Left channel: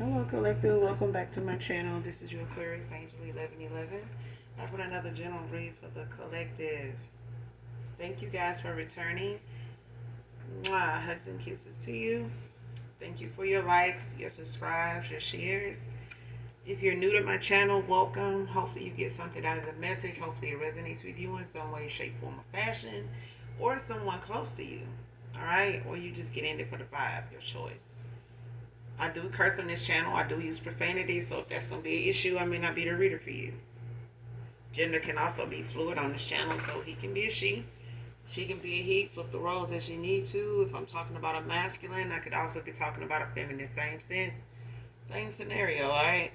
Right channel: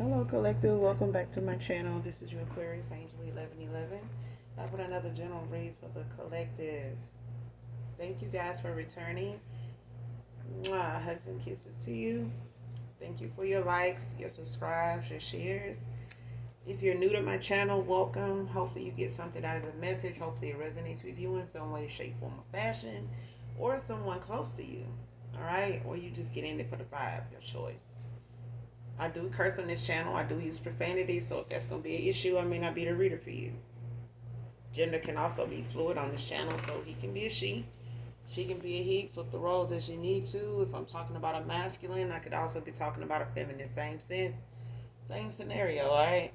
Hello, Collective. Welcome back to my channel. This is your Aquarius Angel 1111. Back with another general read for the Collective. Thank you guys for returning. Mwah, hugs and kisses to you. Thank you for your likes, your subscribes, your shares. If you're new to my channel, welcome. Hopefully you get something out of the message. Hopefully it resonates with you in some way, shape, form, or fashion. Or someone close to you. Alright? Or you just get in it for the vibe, your choice. I do curse on this channel. I do use profanity, so if that's going to be an issue, I may not be the reader for you. Gender can also be fluid on this channel, so he can be a she can be a he. Flip the roles as you need to. If I'm talking about a masculine, I could also be talking about a feminine. Same sense, same scenario, alright?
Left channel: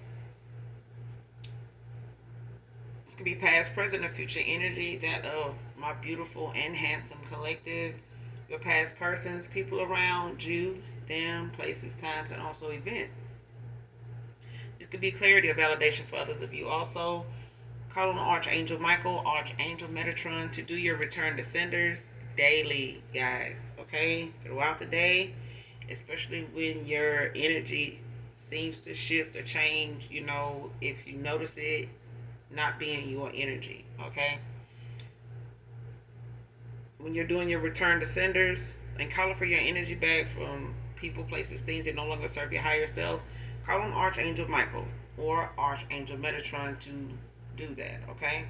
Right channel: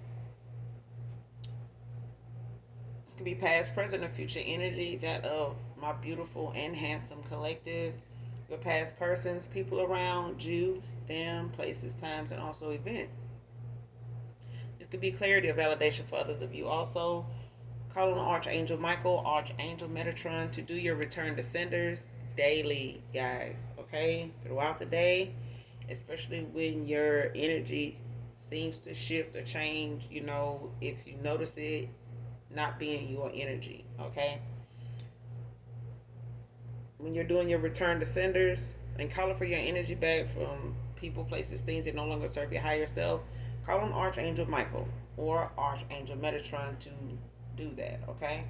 This could be past, present, or future energy that of my beautiful and handsome collective. Your past persons, people around you, them, places, times, and also events. This could be clarity or validation for others of you. Also, call on Archangel Michael, Archangel Metatron to do your return to senders daily, guys. Okay? Throughout the day, especially when your energy seems to shift or change, if you notice it not being your energy, okay? When you're doing your return to senders and calling for your energy back from people, places, things that no longer serve your higher self, call on Archangel Michael or Archangel Metatron to do that, okay?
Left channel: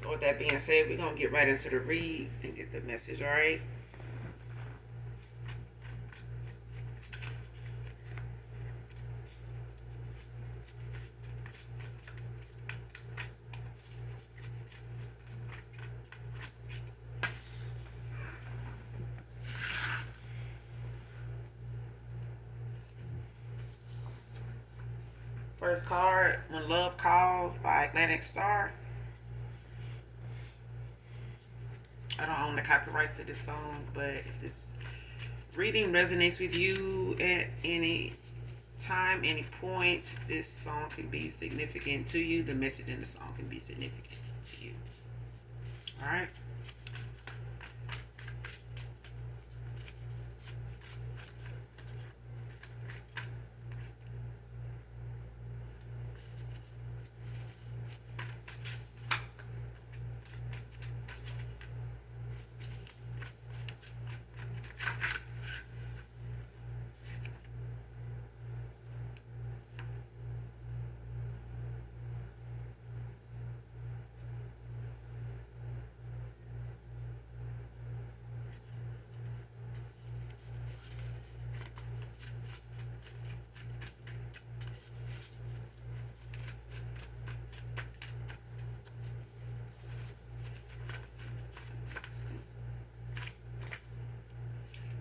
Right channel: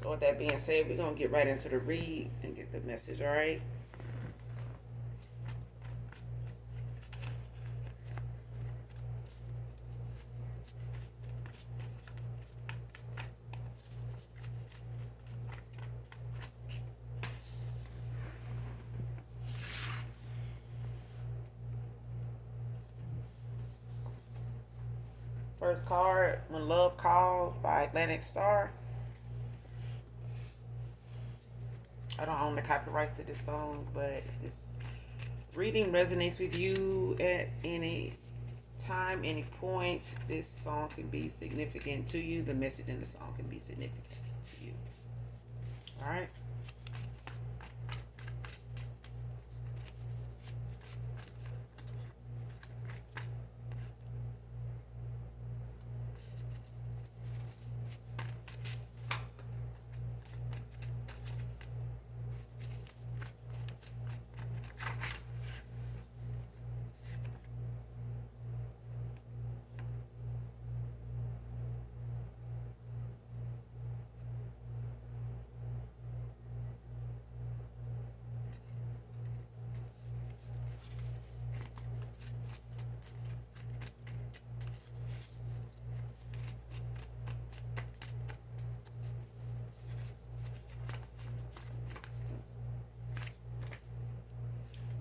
So with that being said, we're going to get right into the read and get the message, all right? First card, When Love Calls by Atlantic Star. I don't own the copyrights to this song, but if this reading resonates with you at any time, any point, this song can be significant to you. The message in the song can be significant to you. All right.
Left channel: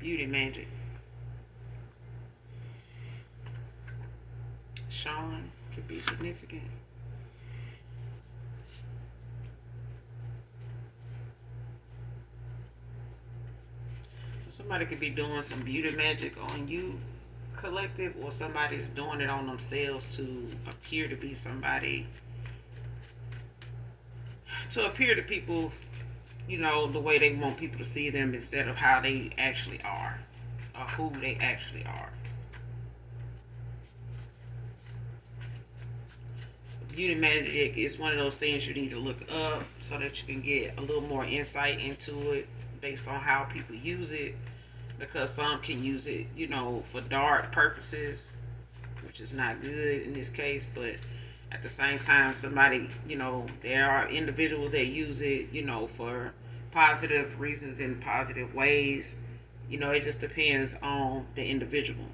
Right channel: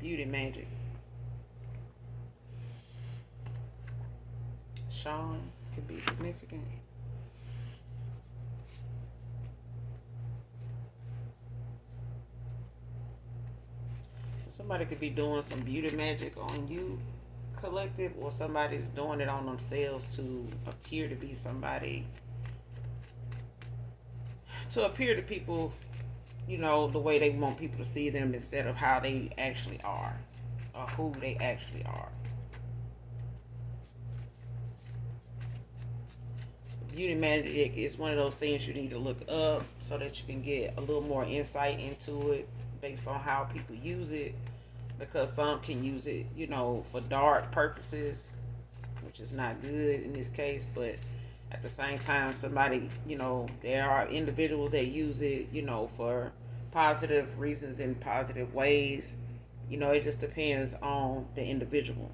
Beauty Magic. Sean could be significant. Somebody could be doing some beauty magic on you, collective, or somebody's doing it on themselves to appear to be somebody, to appear to people, the way they want people to see them instead of how they actually are, or who they actually are. Beauty magic is one of those things you need to look up so that you can get a little more insight into it based on how people use it, because some can use it, for dark purposes, which is not good in this case, but at the same time, somebody, there are individuals that use it, for positive reasons in positive ways. It just depends on the individual.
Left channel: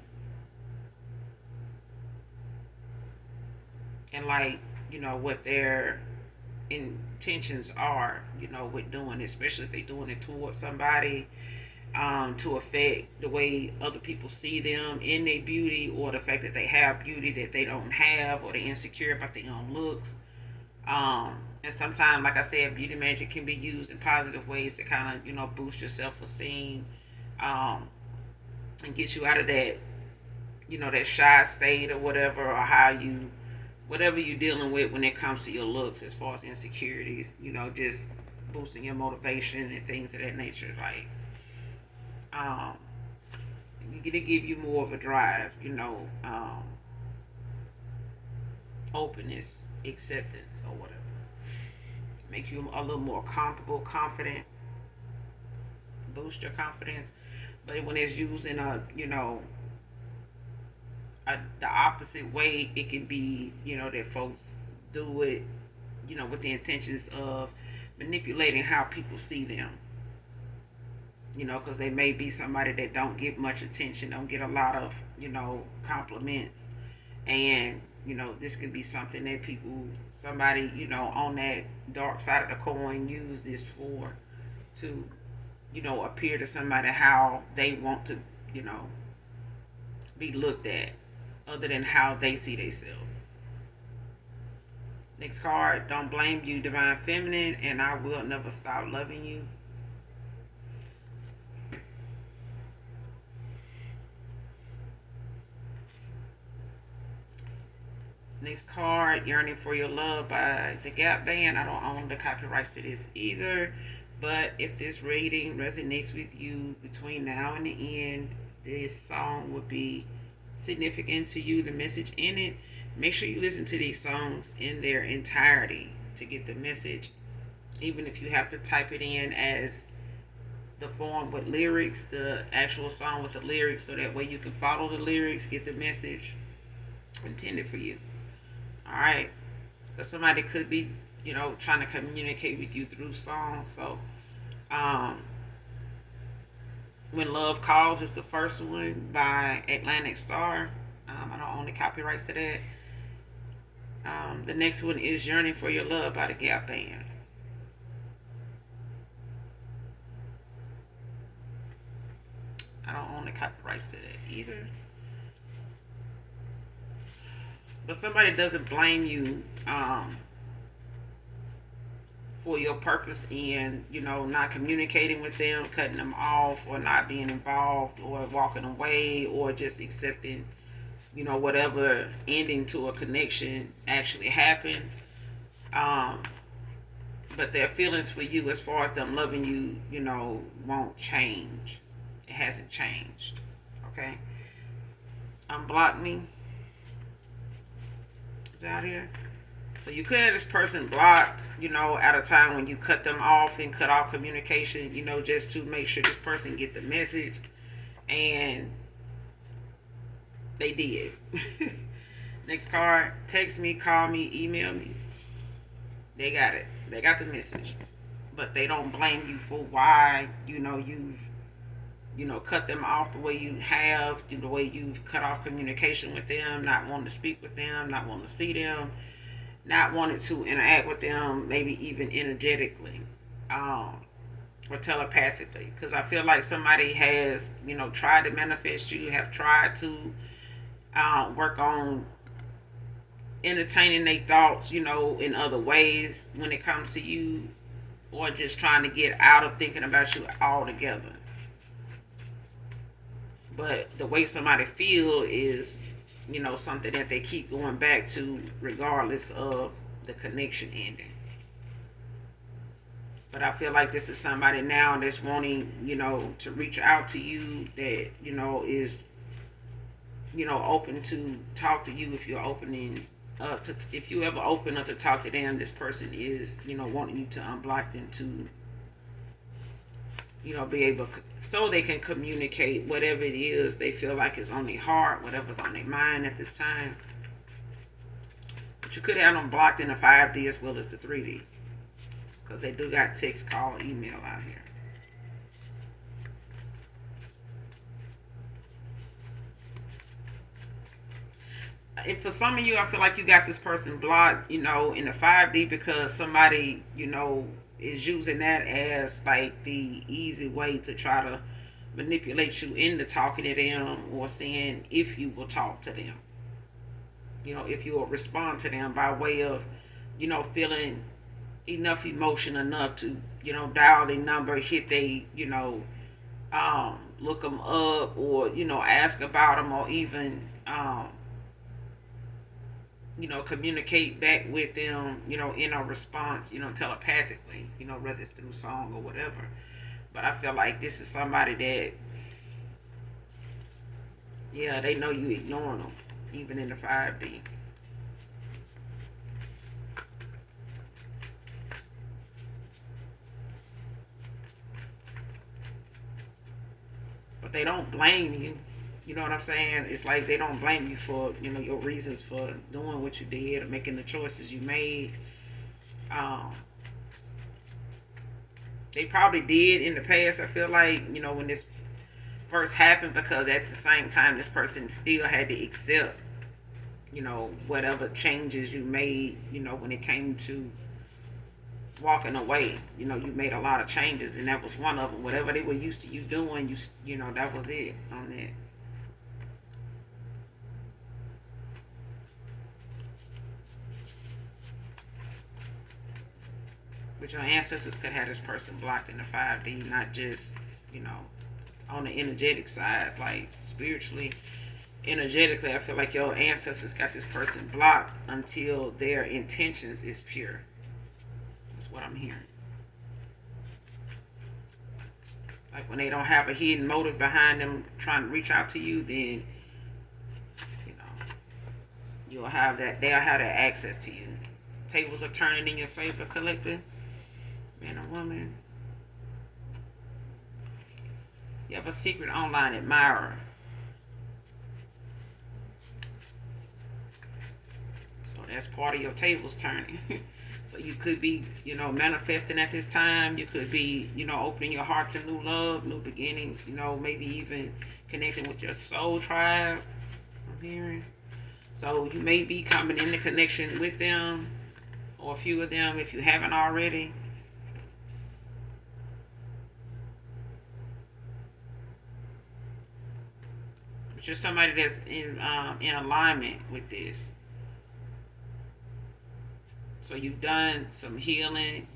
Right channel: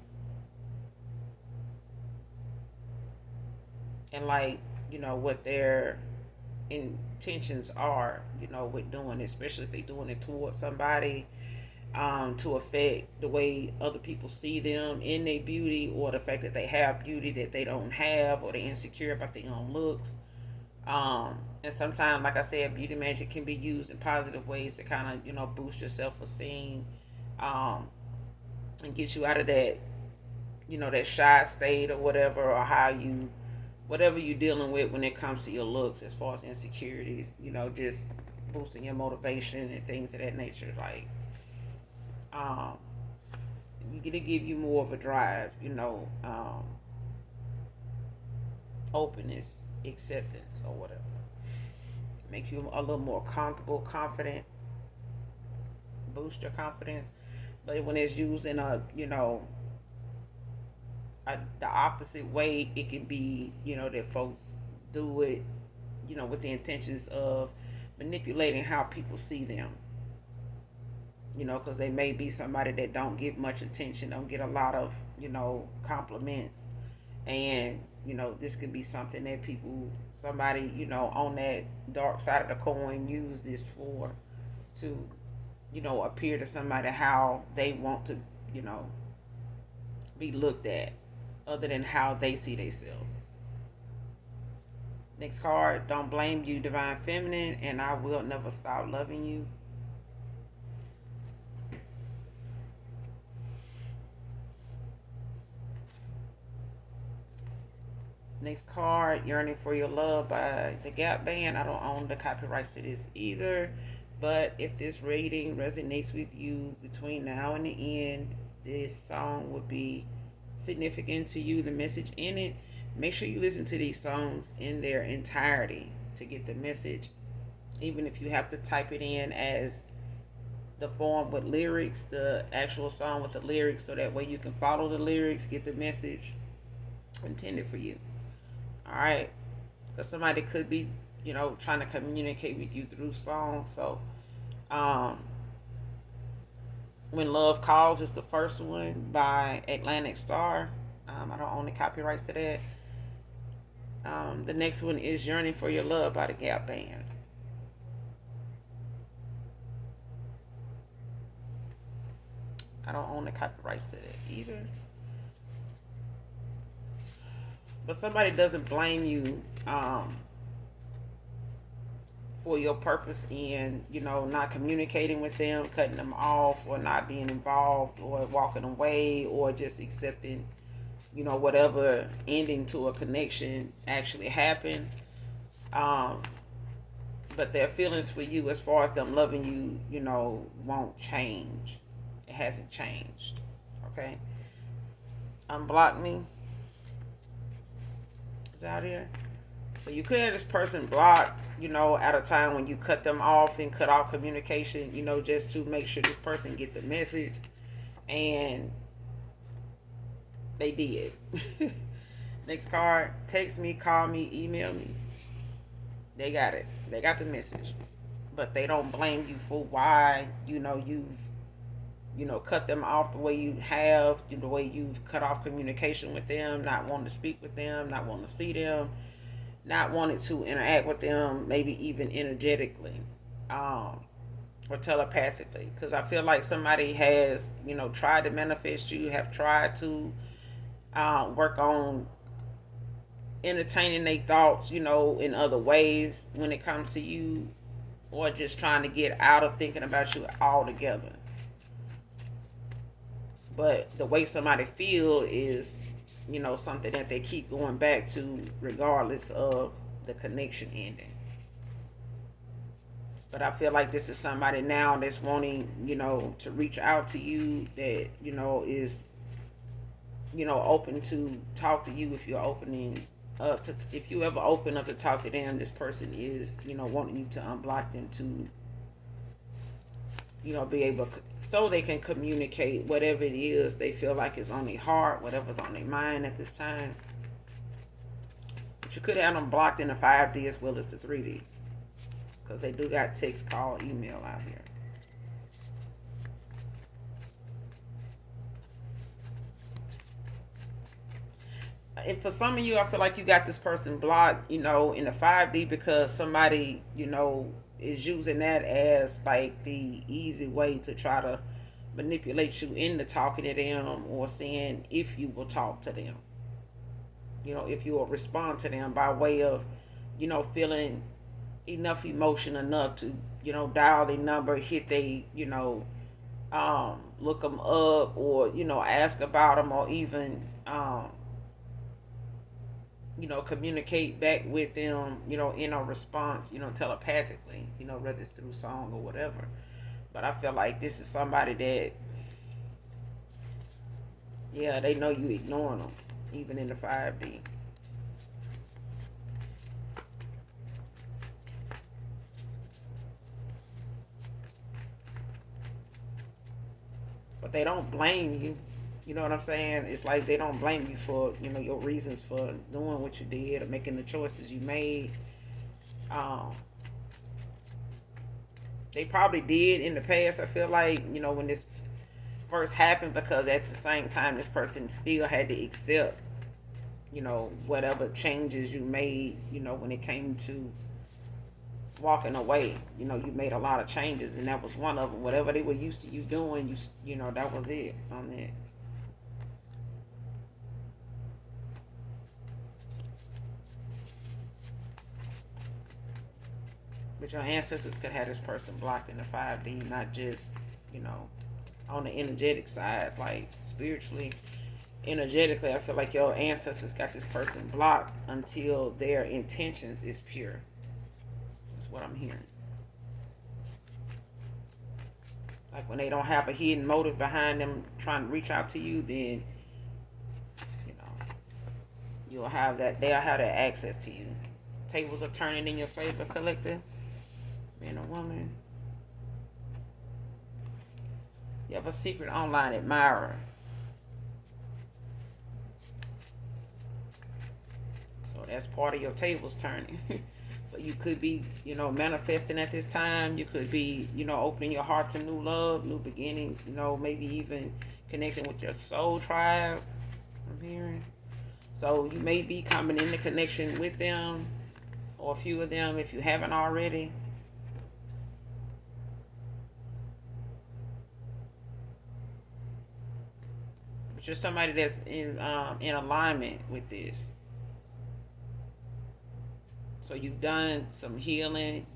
And like, what their intentions are, with doing it, especially if they're doing it towards somebody, to affect the way other people see them in their beauty, or the fact that they have beauty that they don't have, or they're insecure about their own looks. And sometimes, like I said, beauty magic can be used in positive ways to kind of, boost your self-esteem, um, and get you out of that, that shy state or whatever, or whatever you're dealing with when it comes to your looks as far as insecurities, just boosting your motivation and things of that nature. Like, um, to give you more of a drive, openness, acceptance, or whatever. Make you a little more comfortable, confident, boost your confidence. But when it's used in the opposite way, it can be, that folks do it, with the intentions of manipulating how people see them. Because they may be somebody that don't get much attention, don't get a lot of, compliments. And, this could be something that somebody, on that dark side of the coin use this for to, appear to somebody how they want to, you know, be looked at other than how they see themselves. Next card, don't blame you, Divine Feminine, and I will never stop loving you. Next card, Yearning for Your Love by the Gap Band. I don't own the copyrights to this either, but if this reading resonates with you between now and the end, this song would be significant to you, the message in it. Make sure you listen to these songs in their entirety to get the message, even if you have to type it in as the form with lyrics, the actual song with the lyrics, so that way you can follow the lyrics, get the message intended for you. All right, because somebody could be, trying to communicate with you through song. So, When Love Calls is the first one by Atlantic Star. I don't own the copyrights to that. The next one is Yearning for Your Love by the Gap Band. I don't own the copyrights to that either. But somebody doesn't blame you for your purpose in, not communicating with them, cutting them off, or not being involved, or walking away, or just accepting, whatever ending to a connection actually happened. But their feelings for you, as far as them loving you, won't change. It hasn't changed. Okay? Unblock me. Is out here. So you could have this person blocked, at a time when you cut them off and cut off communication, just to make sure this person get the message. And they did. Next card, text me, call me, email me. They got it. They got the message. But they don't blame you for why, you've cut them off the way you have, the way you've cut off communication with them, not wanting to speak with them, not wanting to see them, not wanting to interact with them, maybe even energetically, or telepathically. Because I feel like somebody has, tried to manifest you, have tried to work on entertaining their thoughts, in other ways when it comes to you, or just trying to get out of thinking about you altogether. But the way somebody feel is, something that they keep going back to regardless of the connection ending. But I feel like this is somebody now that's wanting, to reach out to you, that, is, open to talk to you. If you're opening up to, if you ever open up to talk to them, this person is, wanting you to unblock them to, be able, so they can communicate whatever it is they feel like is on their heart, whatever's on their mind at this time. But you could have them blocked in the 5D as well as the 3D, because they do got text, call, email out here. And for some of you, I feel like you got this person blocked, in the 5D, because somebody, is using that as like the easy way to try to manipulate you into talking to them, or seeing if you will talk to them, if you will respond to them by way of, feeling enough emotion enough to, dial their number, hit they, look them up, or, ask about them, or even, communicate back with them, in a response, telepathically, whether it's through song or whatever. But I feel like this is somebody that Yeah, they know you ignoring them, even in the 5D. But they don't blame you. You know what I'm saying? It's like they don't blame you for, your reasons for doing what you did or making the choices you made. Um, they probably did in the past. I feel like, when this first happened, because at the same time, this person still had to accept, whatever changes you made, when it came to walking away. You made a lot of changes, and that was one of them. Whatever they were used to you doing, that was it on that. But your ancestors could have this person blocked in the 5D, not just, you know, on the energetic side, like spiritually. Energetically, I feel like your ancestors got this person blocked until their intentions is pure. That's what I'm hearing. Like when they don't have a hidden motive behind them trying to reach out to you, then you know you'll have that. They'll have that access to you. Tables are turning in your favor, collector. Man or woman. You have a secret online admirer. So that's part of your tables turning. So you could be, manifesting at this time. You could be, opening your heart to new love, new beginnings, maybe even connecting with your soul tribe. I'm hearing. So you may be coming into connection with them or a few of them if you haven't already. But you're somebody that's in alignment with this. So you've done some healing,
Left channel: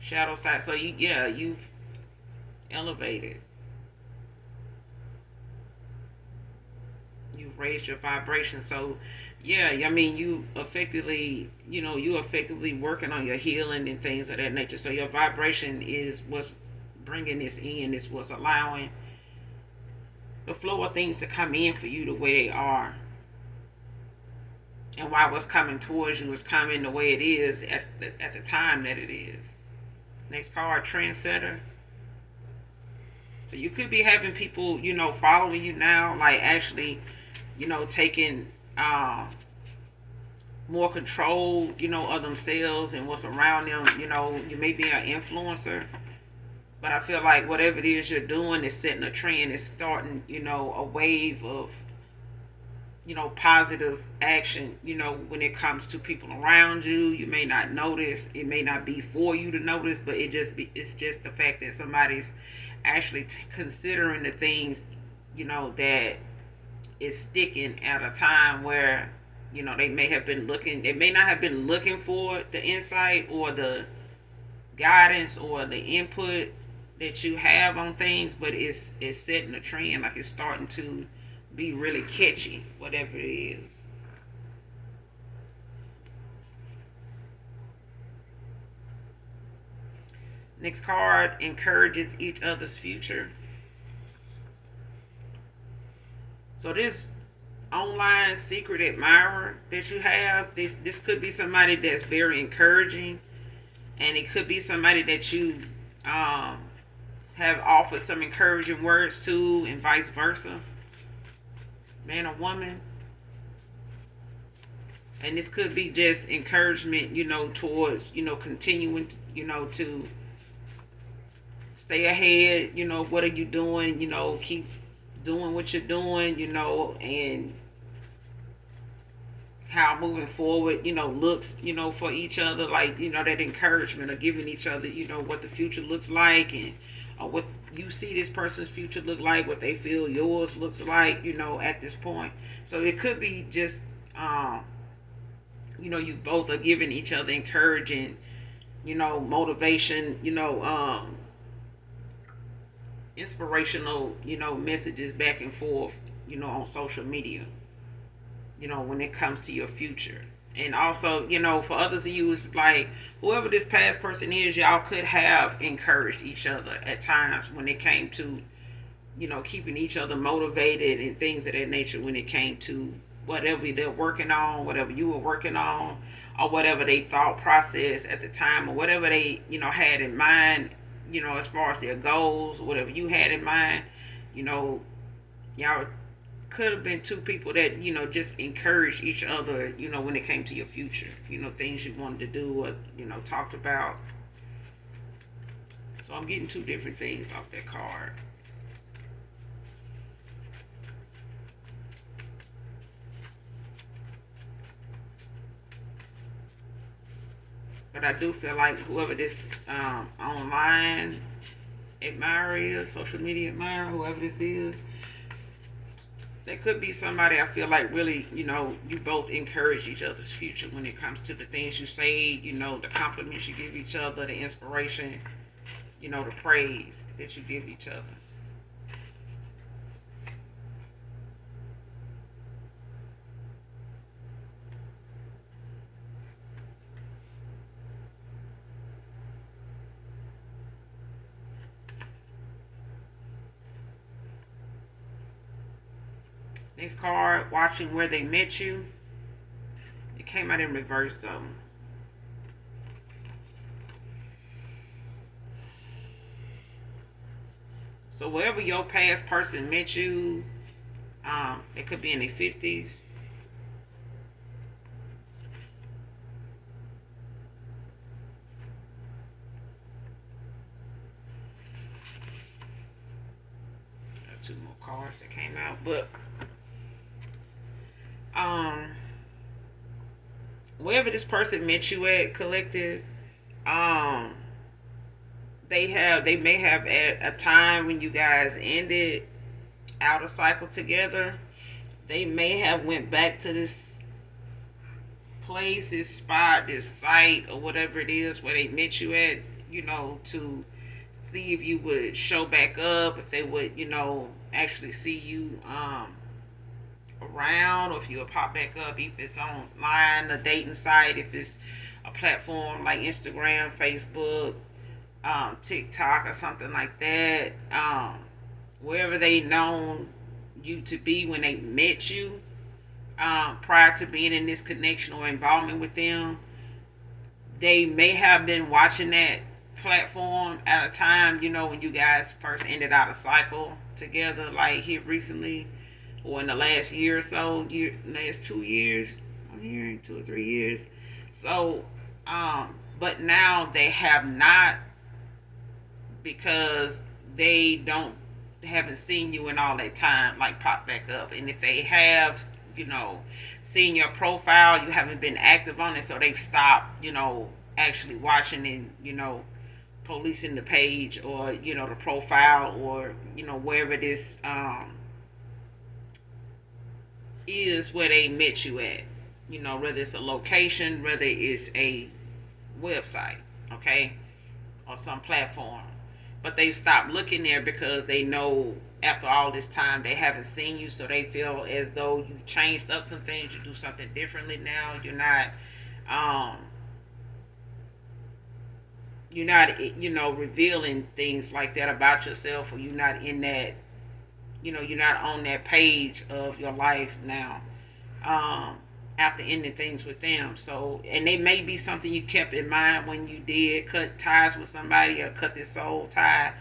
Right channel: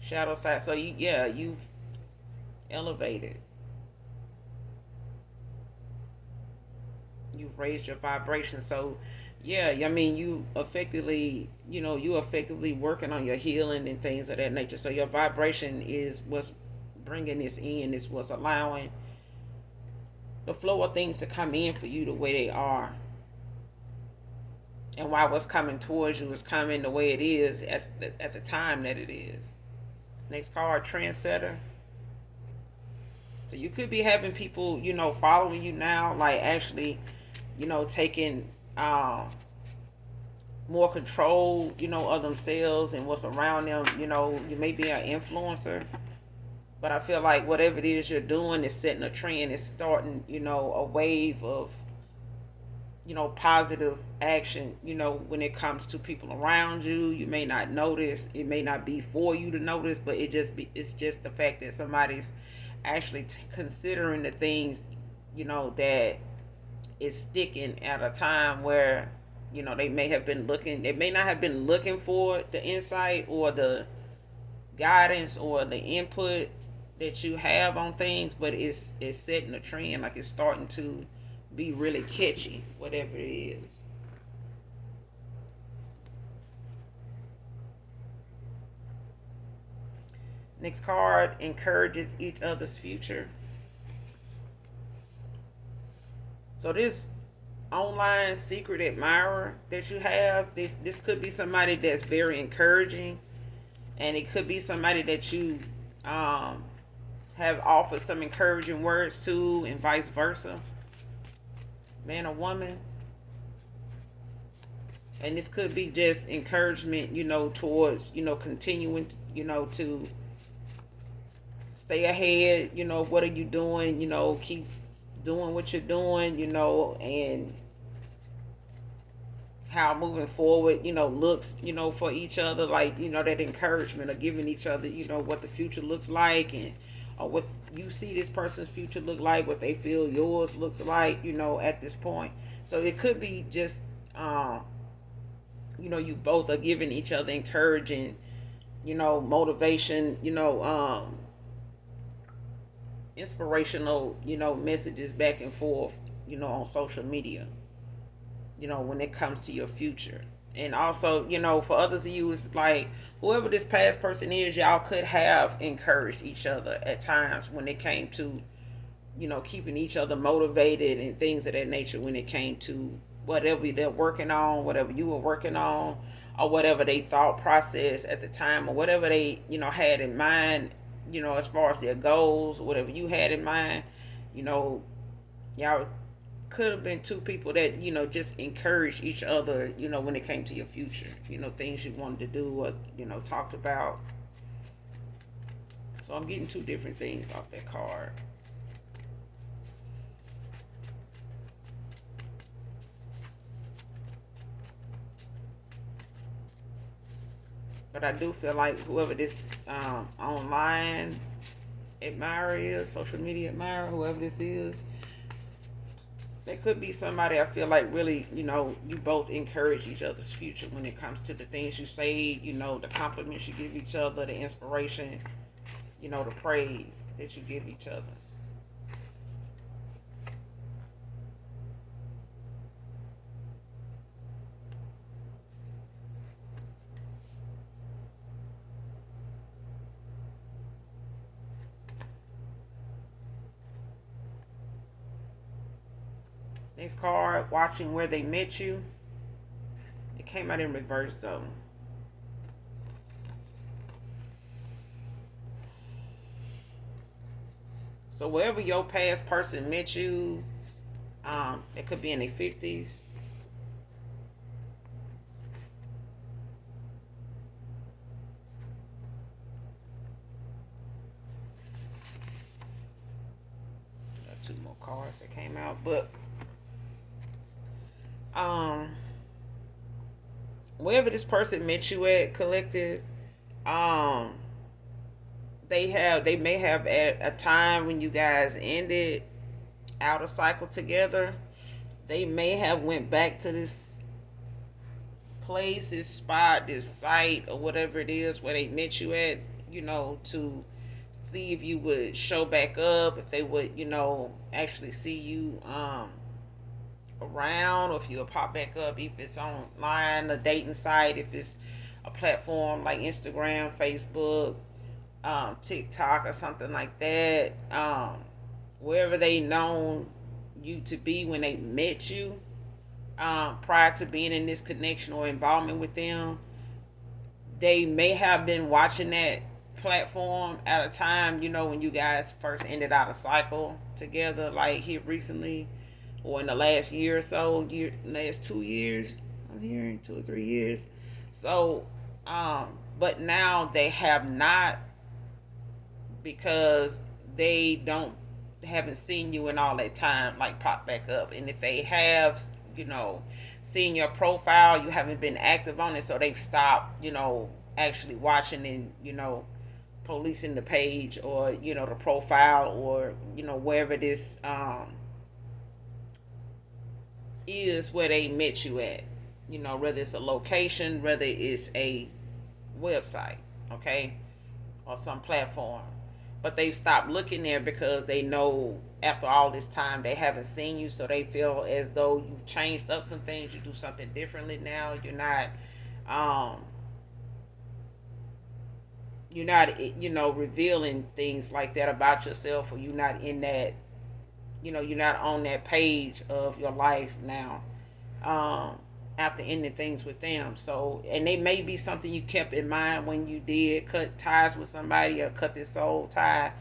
shadow side. So you've elevated. You've raised your vibration. So yeah, I mean you effectively working on your healing and things of that nature. So your vibration is what's bringing this in. Is what's allowing the flow of things to come in for you the way they are. And why what's coming towards you is coming the way it is at the time that it is. Next card, trendsetter. So you could be having people, following you now, like actually, taking more control, of themselves and what's around them. You may be an influencer, but I feel like whatever it is you're doing is setting a trend. It's starting, a wave of positive action, when it comes to people around you. You may not notice, it may not be for you to notice, but it's just the fact that somebody's actually considering the things, that is sticking at a time where, they may not have been looking for the insight or the guidance or the input that you have on things, but it's setting a trend, like it's starting to be really catchy, whatever it is. Next card, encourages each other's future. So this online secret admirer that you have, this could be somebody that's very encouraging, and it could be somebody that you have offered some encouraging words to, and vice versa. Man or woman. And this could be just encouragement, towards, continuing, to stay ahead. What are you doing? Keep doing what you're doing, and how moving forward, looks, for each other, like, that encouragement of giving each other, what the future looks like, and what you see this person's future look like, what they feel yours looks like, at this point. So it could be just, you both are giving each other encouraging, motivation, inspirational, messages back and forth, on social media, when it comes to your future. And also, for others of you, it's like whoever this past person is, y'all could have encouraged each other at times when it came to, keeping each other motivated and things of that nature when it came to whatever they're working on, whatever you were working on, or whatever they thought process at the time, or whatever they, had in mind, as far as their goals, or whatever you had in mind, you know, y'all could have been two people that, just encouraged each other, when it came to your future, things you wanted to do or, talked about. So I'm getting two different things off that card. But I do feel like whoever this online admirer is, social media admirer, whoever this is, there could be somebody I feel like really, you both encourage each other's future when it comes to the things you say, the compliments you give each other, the inspiration, the praise that you give each other. Next card, watching where they met you. It came out in reverse though. So wherever your past person met you, it could be in their 50s. Got two more cards that came out, but um, wherever this person met you at, collective, um, they may have at a time when you guys ended out a cycle together. They may have went back to this place, this spot, this site, or whatever it is where they met you at, to see if you would show back up, if they would, actually see you around, or if you would pop back up, if it's online, a dating site, if it's a platform like Instagram, Facebook, TikTok, or something like that. Wherever they known you to be when they met you, prior to being in this connection or involvement with them, they may have been watching that platform at a time, when you guys first ended out a cycle together, like here recently, or in the last year or so, last 2 years. I'm hearing 2 or 3 years. So, but now they have not, because they haven't seen you in all that time, like pop back up. And if they have, you know, seen your profile, you haven't been active on it, so they've stopped, actually watching and, policing the page, or, the profile, or, wherever this is where they met you at. Whether it's a location, whether it's a website, okay, or some platform. But they've stopped looking there because they know after all this time they haven't seen you, so they feel as though you changed up some things, you do something differently now. Um, you're not, revealing things like that about yourself, or you're not in that, you're not on that page of your life now. Um, After ending things with them. So, and it may be something you kept in mind when you did cut ties with somebody, or cut this soul tie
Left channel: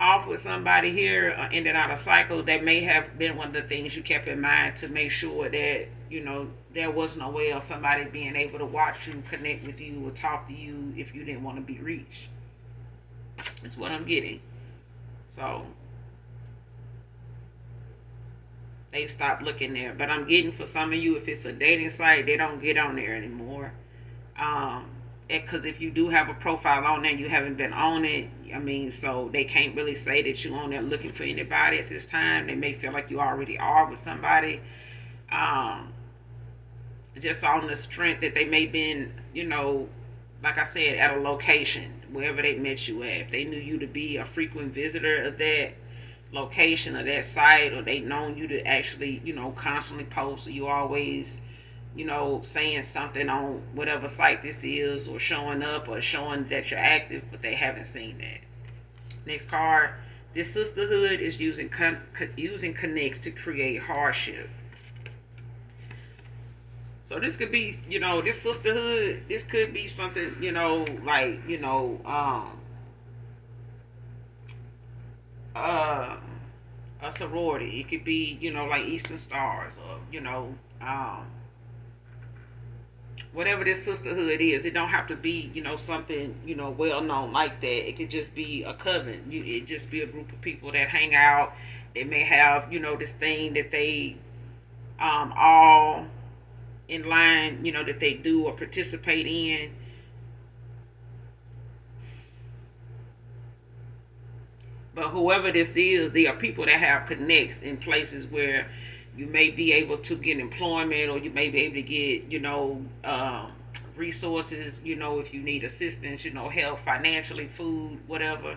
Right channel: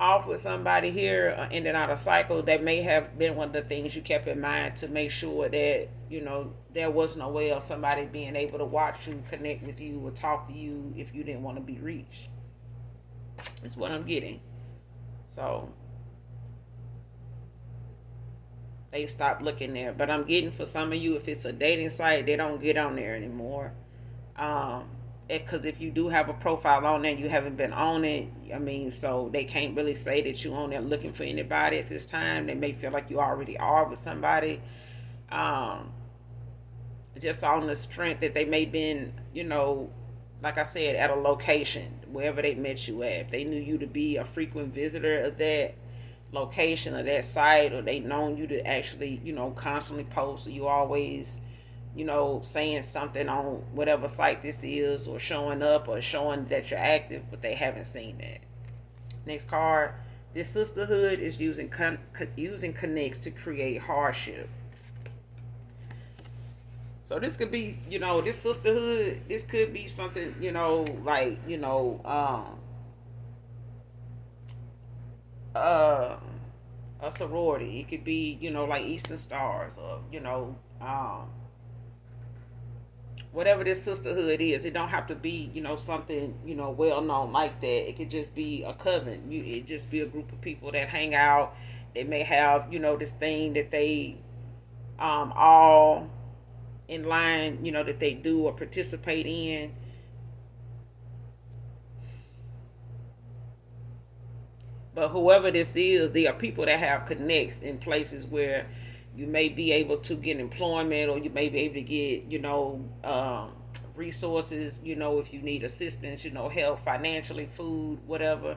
off with somebody here, or ending out a cycle. That may have been one of the things you kept in mind to make sure that, there was no way of somebody being able to watch you, connect with you, or talk to you if you didn't want to be reached. That's what I'm getting. So they stopped looking there. But I'm getting, for some of you, if it's a dating site, they don't get on there anymore. Because if you do have a profile on there, you haven't been on it. I mean, so they can't really say that you on there looking for anybody at this time. They may feel like you already are with somebody. Um, just on the strength that they may been, like I said, at a location wherever they met you at. If they knew you to be a frequent visitor of that location or that site, or they known you to actually, constantly post, or you always, saying something on whatever site this is, or showing up, or showing that you're active, but they haven't seen that. Next card, This sisterhood is using connects to create hardship. So this could be, this sisterhood. This could be something, like uh, a sorority. It could be, like Eastern Stars, or whatever this sisterhood is. It don't have to be, something, well known like that. It could just be a coven. It just be a group of people that hang out. They may have, this thing that they all in line, that they do or participate in. But whoever this is, there are people that have connects in places where you may be able to get employment, or you may be able to get, resources, if you need assistance, help financially, food, whatever.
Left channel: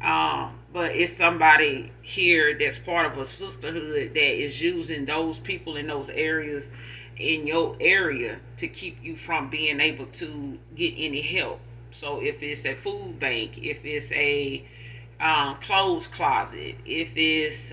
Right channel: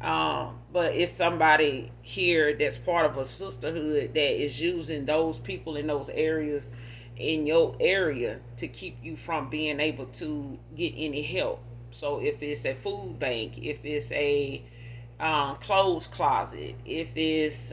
But it's somebody here that's part of a sisterhood that is using those people in those areas in your area to keep you from being able to get any help. So if it's a food bank, if it's a clothes closet, if it's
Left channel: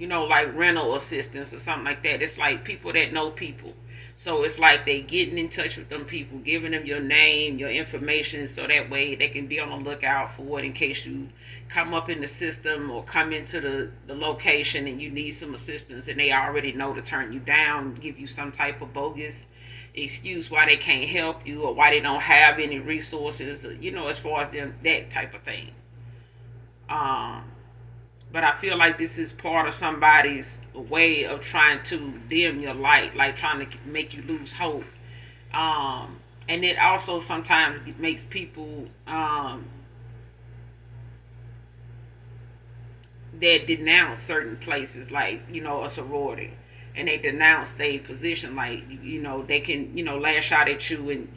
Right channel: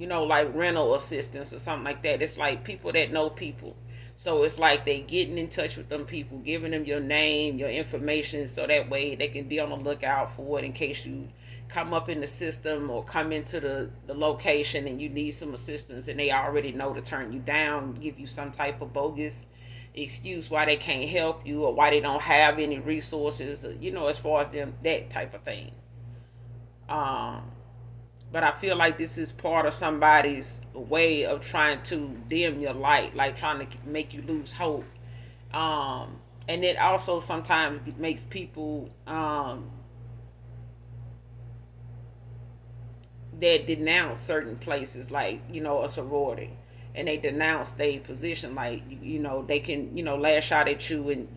like rental assistance or something like that. It's like people that know people. So it's like they getting in touch with them people, giving them your name, your information, so that way they can be on the lookout for it in case you come up in the system or come into the location and you need some assistance, and they already know to turn you down, give you some type of bogus excuse why they can't help you or why they don't have any resources, as far as them, that type of thing. Um, but I feel like this is part of somebody's way of trying to dim your light, like trying to make you lose hope. And it also sometimes makes people that denounce certain places, like a sorority, and they denounce their position, like they can lash out at you and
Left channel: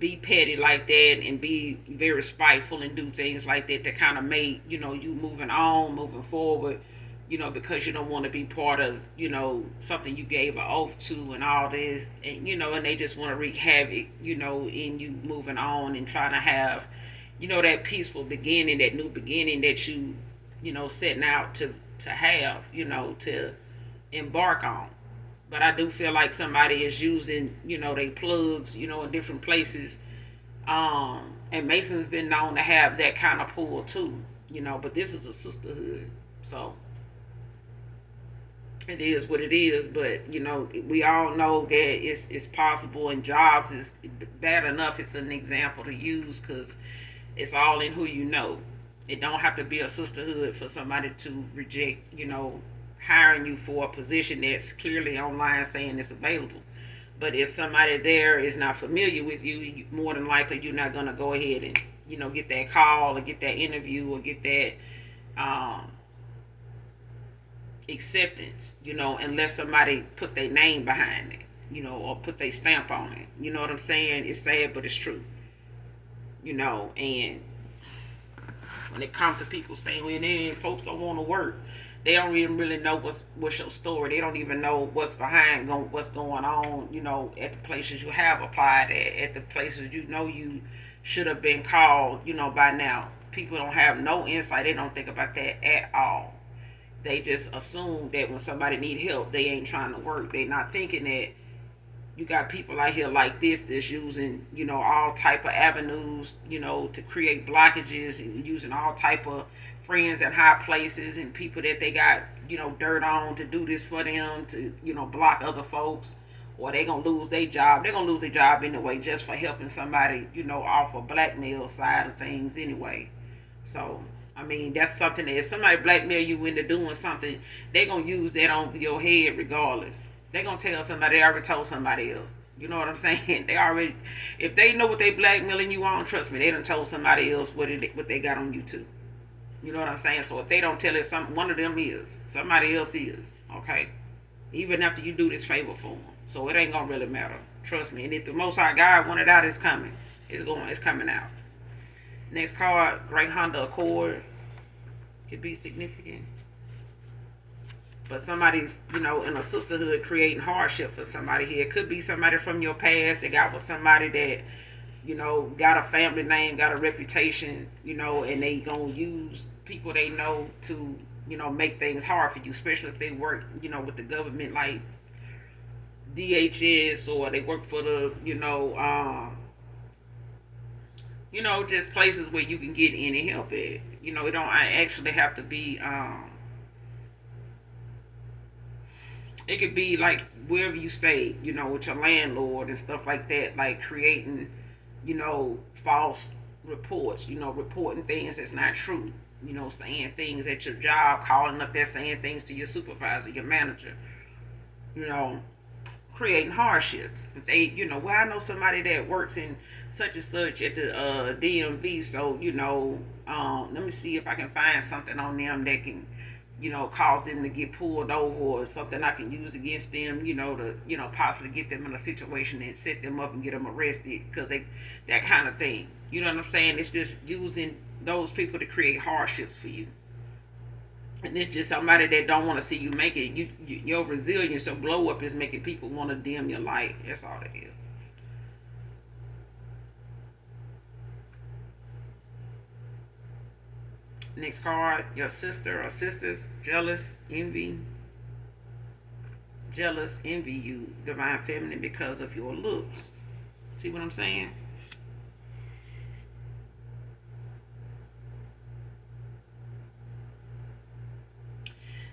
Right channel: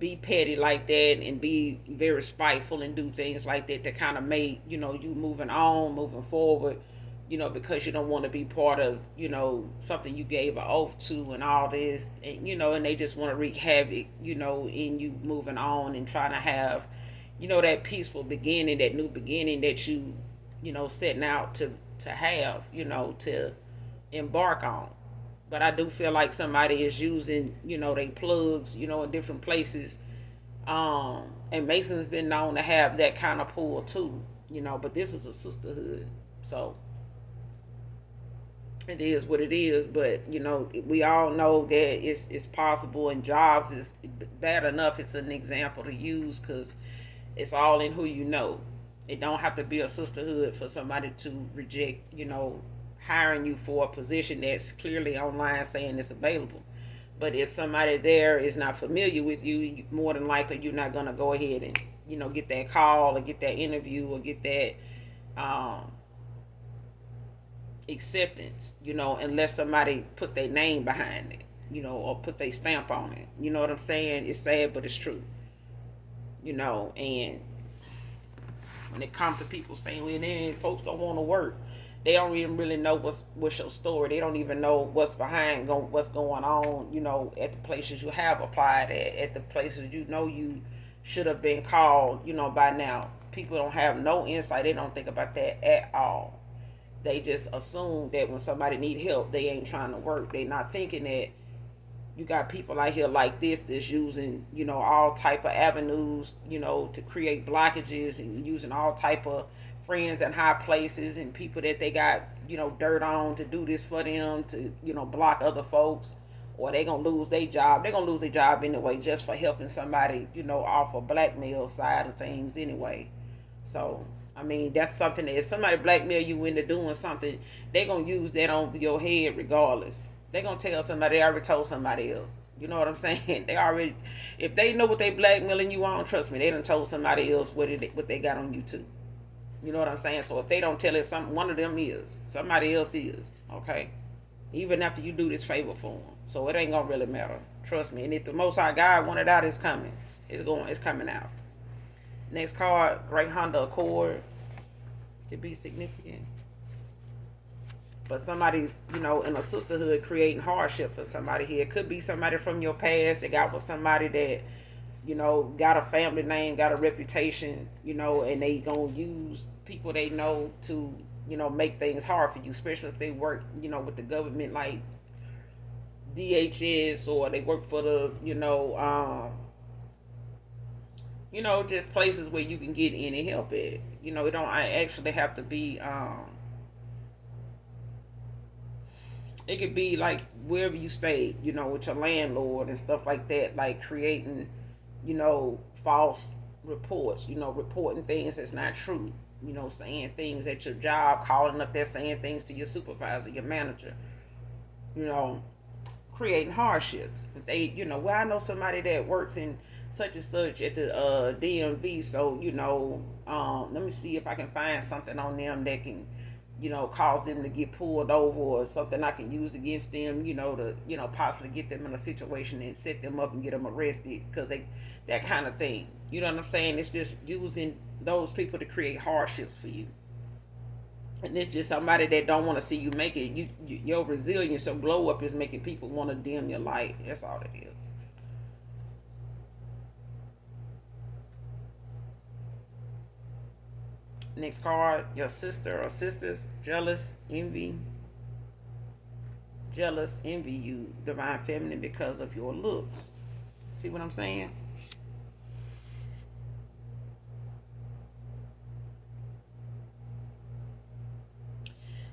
be petty like that and be very spiteful and do things like that to kind of make you moving forward, because you don't want to be part of something you gave an oath to and all this, and and they just want to wreak havoc in you moving on and trying to have that peaceful beginning, that new beginning that setting out to have, to embark on. But I do feel like somebody is using, they plugs, in different places. And Mason's been known to have that kind of pull too, but this is a sisterhood. So it is what it is. But, we all know that it's possible, and jobs is bad enough. It's an example to use because it's all in who you know. It don't have to be a sisterhood for somebody to reject, hiring you for a position that's clearly online saying it's available. But if somebody there is not familiar with you, more than likely you're not gonna go ahead and get that call or get that interview or get that acceptance. Unless somebody put their name behind it, or put their stamp on it. You know what I'm saying? It's sad, but it's true. And when it comes to people saying, well, folks don't want to work, they don't even really know what's your story. They don't even know what's behind what's going on, at the places you have applied at the places you should have been called, by now. People don't have no insight. They don't think about that at all. They just assume that when somebody need help, they ain't trying to work. They not thinking that you got people out here like this that's using all type of avenues to create blockages, and using all type of friends in high places and people that they got dirt on to do this for them, to block other folks, or they gonna lose their job. They're gonna lose their job anyway just for helping somebody off a blackmail side of things anyway. So I mean, that's something that if somebody blackmail you into doing something, they gonna use that on your head regardless. They gonna tell somebody. They already told somebody else. You know what I'm saying? They already, if they know what they blackmailing you on, trust me, they done told somebody else what they got on you too. You know what I'm saying? So if they don't tell it, one of them is, somebody else is. Okay, even after you do this favor for them, so it ain't gonna really matter. Trust me. And if the Most High God wanted out, it's coming. It's coming out. Next card, Great Honda Accord, could be significant. But somebody's, in a sisterhood creating hardship for somebody here. It could be somebody from your past that got with somebody that, got a family name, got a reputation, and they gonna use people they know to, make things hard for you, especially if they work, with the government like DHS, or they work for the, just places where you can get any help at. It don't actually have to be. It could be like wherever you stay, with your landlord and stuff like that, like creating, false reports, reporting things that's not true, saying things at your job, calling up there saying things to your supervisor, your manager, you know, creating hardships. If they, well, I know somebody that works in such and such at the DMV, so let me see if I can find something on them that can, cause them to get pulled over, or something I can use against them, to possibly get them in a situation and set them up and get them arrested, because they, that kind of thing. You know what I'm saying? It's just using those people to create hardships for you. And it's just somebody that don't want to see you make it. Your resilience, your glow up is making people want to dim your light. That's all it is. Next card, your sister or sisters, jealous, envy you, divine feminine, because of your looks. See what I'm saying?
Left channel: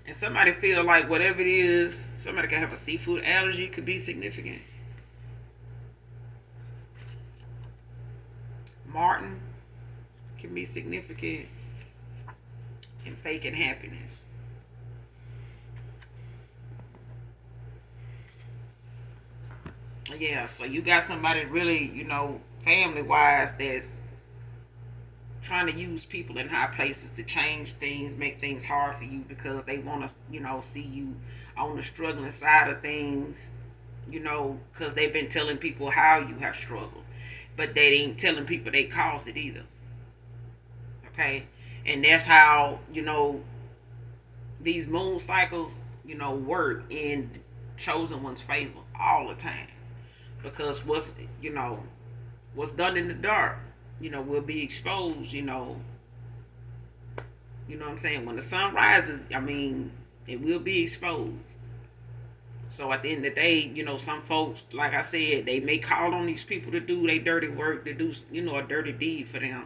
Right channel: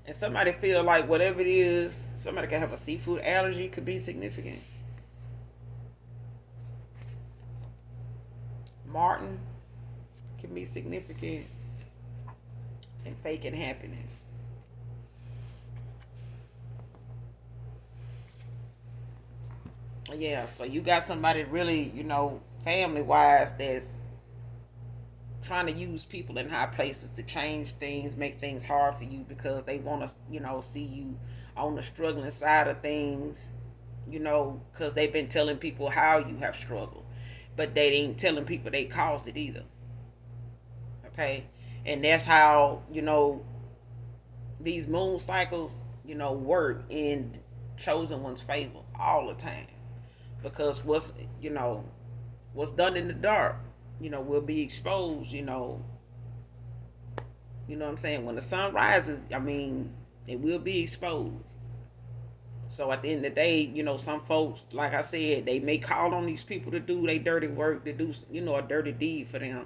And somebody feel like whatever it is, somebody can have a seafood allergy, could be significant. Martin can be significant in faking happiness. Yeah, so you got somebody really, family wise, that's trying to use people in high places to change things, make things hard for you, because they want to, see you on the struggling side of things, because they've been telling people how you have struggled, but they ain't telling people they caused it either. Okay, and that's how these moon cycles, work in chosen one's favor all the time, because what's done in the dark, will be exposed. What I'm saying? When the sun rises, I mean, it will be exposed. So at the end of the day, some folks, like I said, they may call on these people to do their dirty work, to do, a dirty deed for them.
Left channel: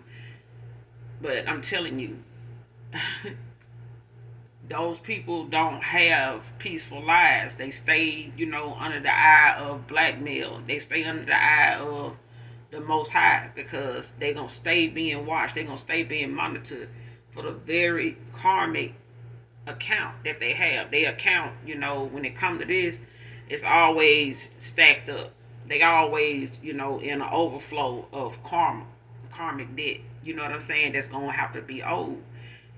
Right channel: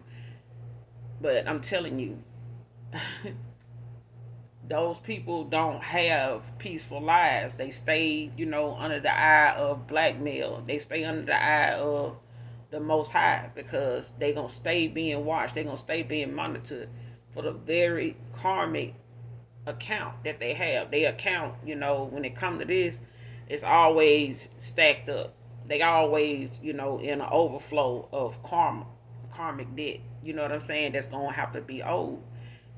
But I'm telling you, those people don't have peaceful lives. They stay, under the eye of blackmail. They stay under the eye of the Most High, because they gonna stay being watched. They gonna stay being monitored for the very karmic account that they have. They account, when it comes to this, it's always stacked up. They always, in an overflow of karmic debt. You know what I'm saying? That's gonna have to be owed.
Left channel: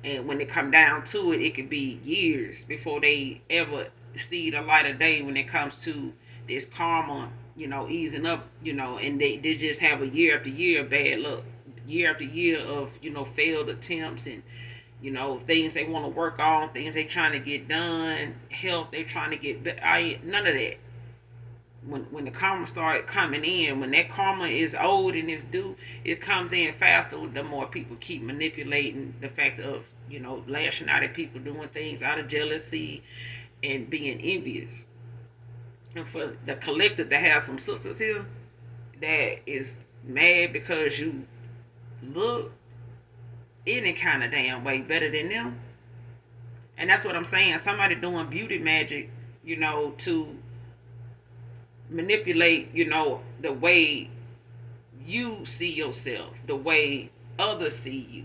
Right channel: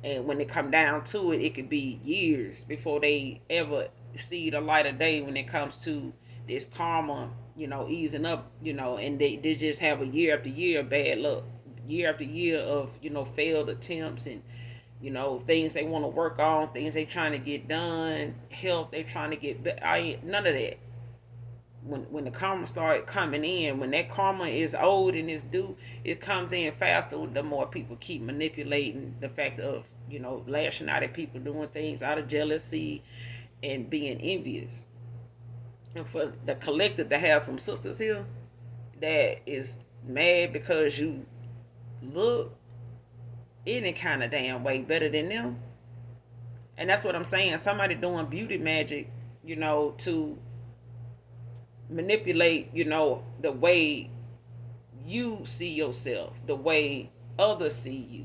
And when it come down to it, it could be years before they ever see the light of day when it comes to this karma, easing up, and they just have a year after year of bad luck, year after year of, failed attempts, and, things they want to work on, things they trying to get done, health they trying to get, none of that. When the karma start coming in, when that karma is owed and is due, it comes in faster. The more people keep manipulating the fact of, lashing out at people, doing things out of jealousy and being envious. And for the collective to have some sisters here that is mad because you look any kind of damn way better than them. And that's what I'm saying. Somebody doing beauty magic, to manipulate, the way you see yourself, the way others see you.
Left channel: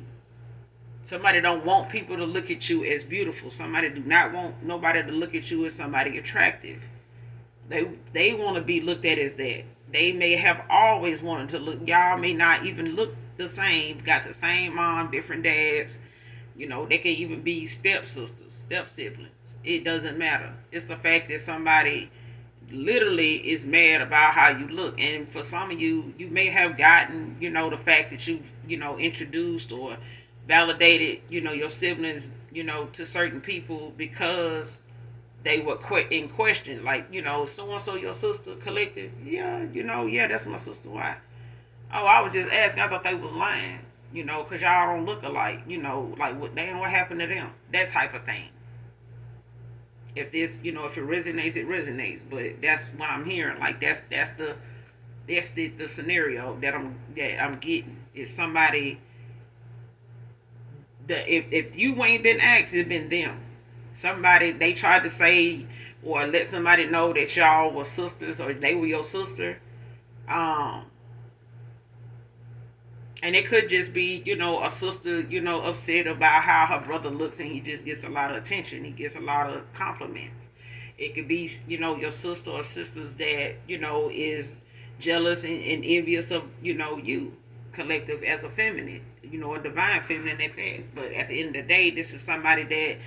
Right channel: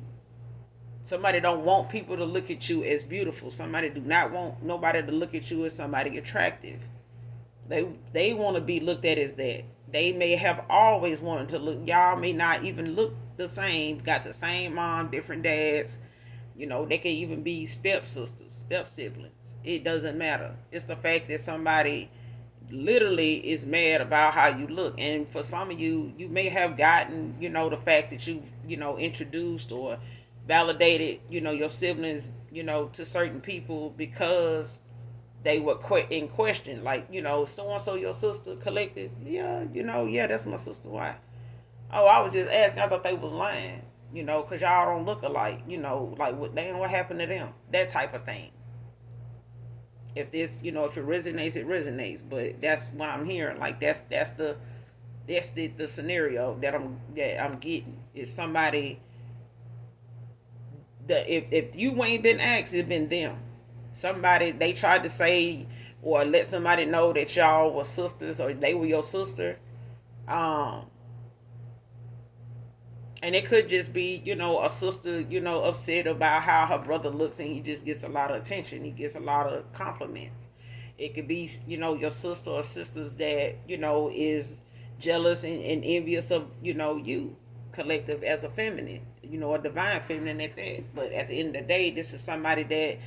Somebody don't want people to look at you as beautiful. Somebody do not want nobody to look at you as somebody attractive. They want to be looked at as that. They may have always wanted to look. Y'all may not even look the same. Got the same mom, different dads. They can even be step sisters, step siblings. It doesn't matter. It's the fact that somebody literally is mad about how you look. And for some of you, you may have gotten, the fact that you, introduced or validated, your siblings, to certain people, because they were in question. Like, so and so, your sister collective. Yeah, yeah, that's my sister. Why? Oh, I was just asking. I thought they was lying. Cause y'all don't look alike. Like what? Damn, what happened to them? That type of thing. If this, if it resonates, it resonates. But that's what I'm hearing. Like that's the scenario that I'm getting. Is somebody that if you ain't been asked, it's been them. Somebody they tried to say or let somebody know that y'all were sisters or they were your sister. Um, and it could just be, a sister, upset about how her brother looks and he just gets a lot of attention. He gets a lot of compliments. It could be, your sister or sisters that, is jealous and envious of, you, collective as a feminine, a divine feminine at that. But at the end of the day, this is somebody that,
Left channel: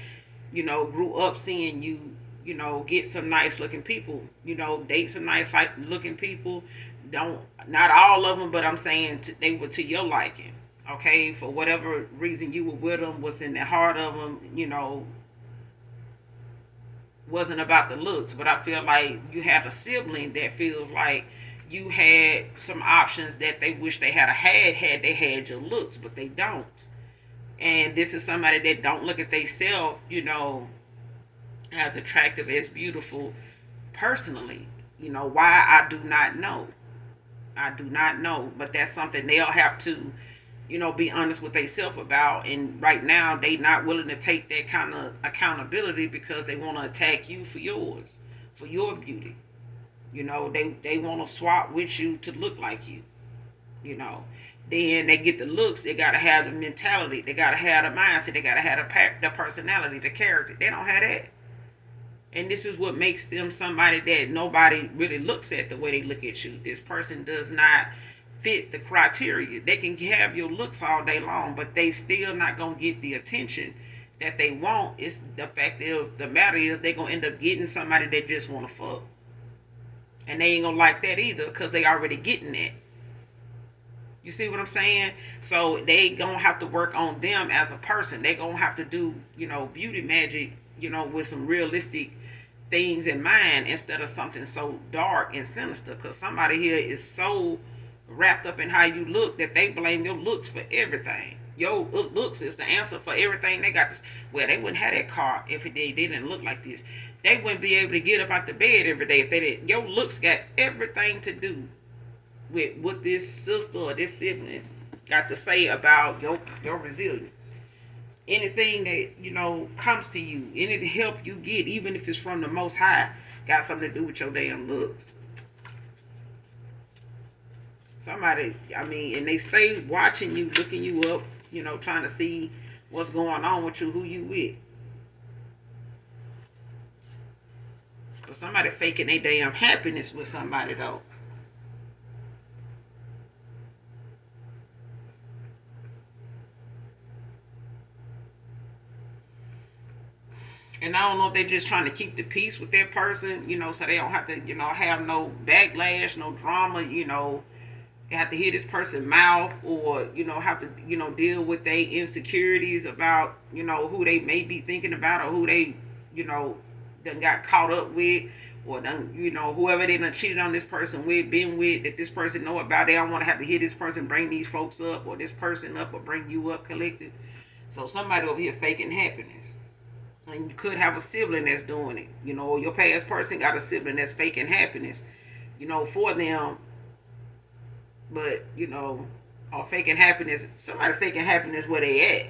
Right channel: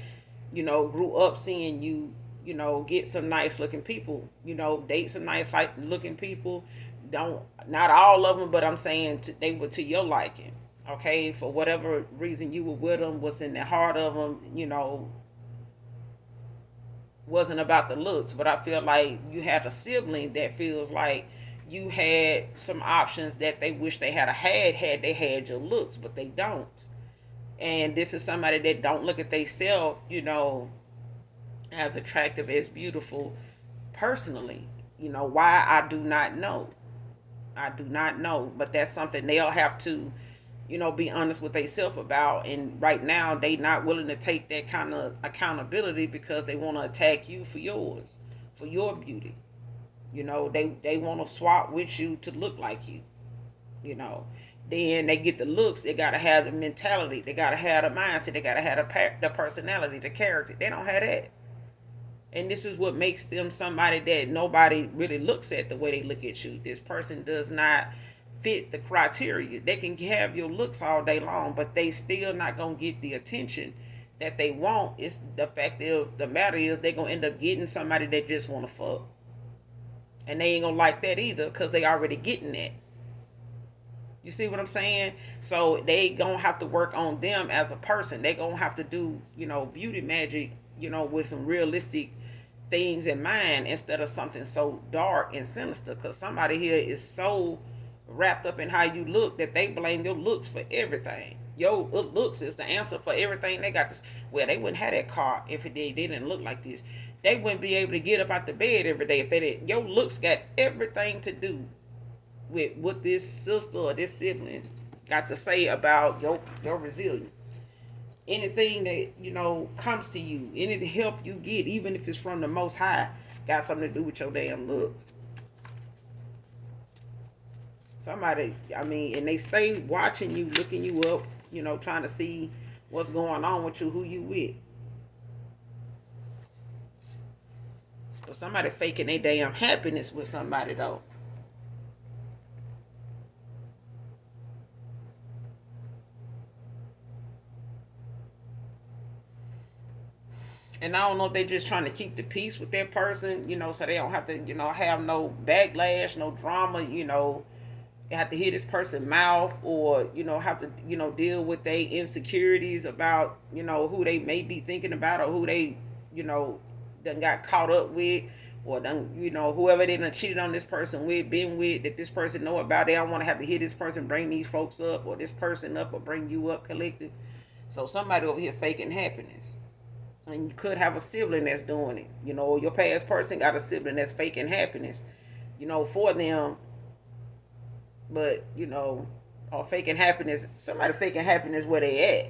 grew up seeing you, get some nice looking people, date some nice like looking people. Don't Not all of them, but I'm saying they were to your liking. Okay, for whatever reason you were with them, was in the heart of them, wasn't about the looks. But I feel like you have a sibling that feels like you had some options that they wish they had they had your looks, but they don't. And this is somebody that don't look at themselves, as attractive, as beautiful personally. Why, I do not know. I do not know, but that's something they'll have to, be honest with themselves about. And right now, they not willing to take that kind of accountability because they want to attack you for yours, for your beauty. They want to swap with you to look like you. You know, then they get the looks. They gotta have the mentality. They gotta have the mindset. They gotta have the personality, the character. They don't have that. And this is what makes them somebody that nobody really looks at the way they look at you. This person does not fit the criteria. They can have your looks all day long, but they still not gonna get the attention that they want. It's the fact of the matter is they gonna end up getting somebody that just wanna fuck, and they ain't gonna like that either because they already getting that. You see what I'm saying? So they gonna have to work on them as a person. They gonna have to do, beauty magic, with some realistic things in mind instead of something so dark and sinister. Cause somebody here is so wrapped up in how you look that they blame your looks for everything. Your looks is the answer for everything. They got this. Well, they wouldn't have that car if they didn't look like this. They wouldn't be able to get up out the bed every day if they didn't. Your looks got everything to do with what this sister or this sibling got to say about your resilience. Anything that comes to you, any help you get, even if it's from the Most High, got something to do with your damn looks. Somebody, I mean, and they stay watching you, looking you up, trying to see what's going on with you, who you with. But somebody faking their damn happiness with somebody though. And I don't know if they're just trying to keep the peace with that person, so they don't have to, have no backlash, no drama, have to hear this person mouth or, have to, deal with their insecurities about, who they may be thinking about or who they, done got caught up with or done, whoever they done cheated on this person with, been with, that this person know about. They don't want to have to hear this person bring these folks up or this person up or bring you up collective. So somebody over here faking happiness. And you could have a sibling that's doing it. Your past person got a sibling that's faking happiness, for them. But, or faking happiness, somebody faking happiness where they at.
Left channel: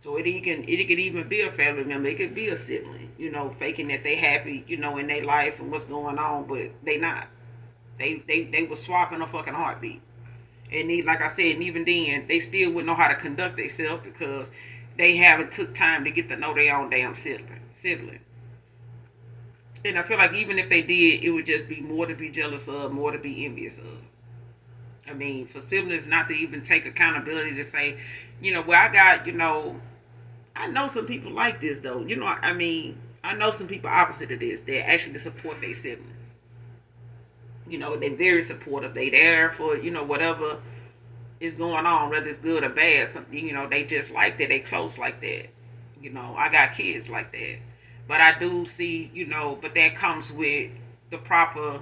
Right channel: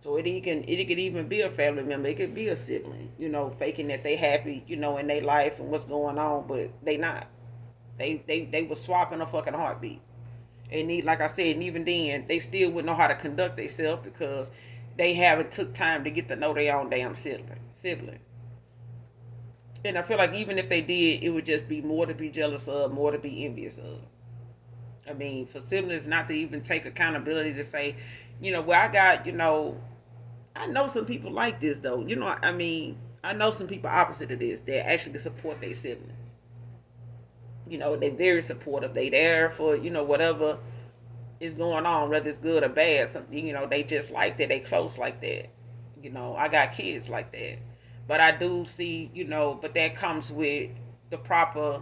So it could even be a family member. It could be a sibling, faking that they happy, in their life and what's going on, but they not. They was swapping a fucking heartbeat. And like I said, and even then, they still wouldn't know how to conduct themselves because they haven't took time to get to know their own damn sibling. And I feel like even if they did, it would just be more to be jealous of, more to be envious of. I mean, for siblings not to even take accountability to say, well, I got, I know some people like this though. I mean, I know some people opposite of this that actually support their siblings. They're very supportive. They there for, whatever is going on, whether it's good or bad. Something, they just like that. They close like that. I got kids like that. But I do see, but that comes with the proper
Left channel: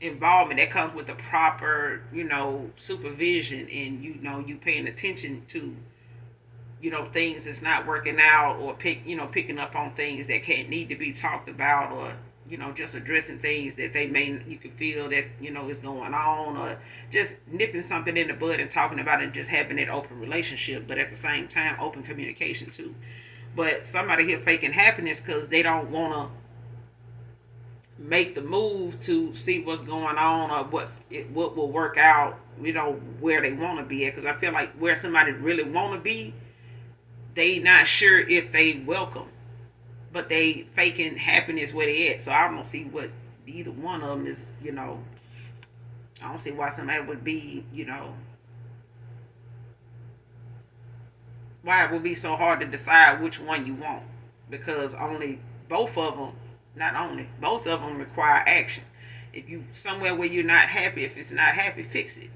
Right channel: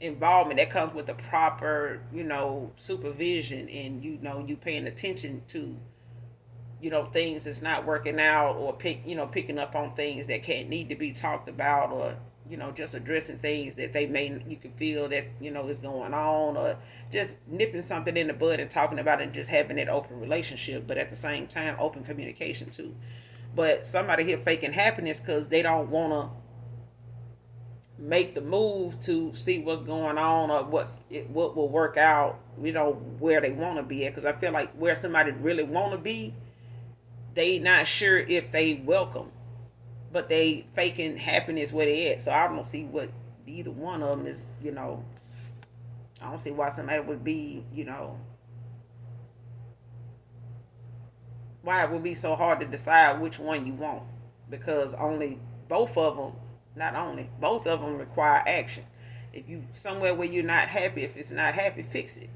involvement, that comes with the proper, supervision, and you paying attention to, things that's not working out, or picking up on things that can't need to be talked about, or just addressing things that you can feel that is going on, or just nipping something in the bud and talking about it, and just having that open relationship, but at the same time open communication too. But somebody here faking happiness because they don't want to make the move to see what's going on, or what will work out, where they want to be at. Because I feel like where somebody really want to be, they not sure if they welcome, but they faking happiness where they at. So I don't see what either one of them is. I don't see why somebody would be, why it would be so hard to decide which one you want, because only both of them, not only both of them require action. If you somewhere where you're not happy, if it's not happy, fix it.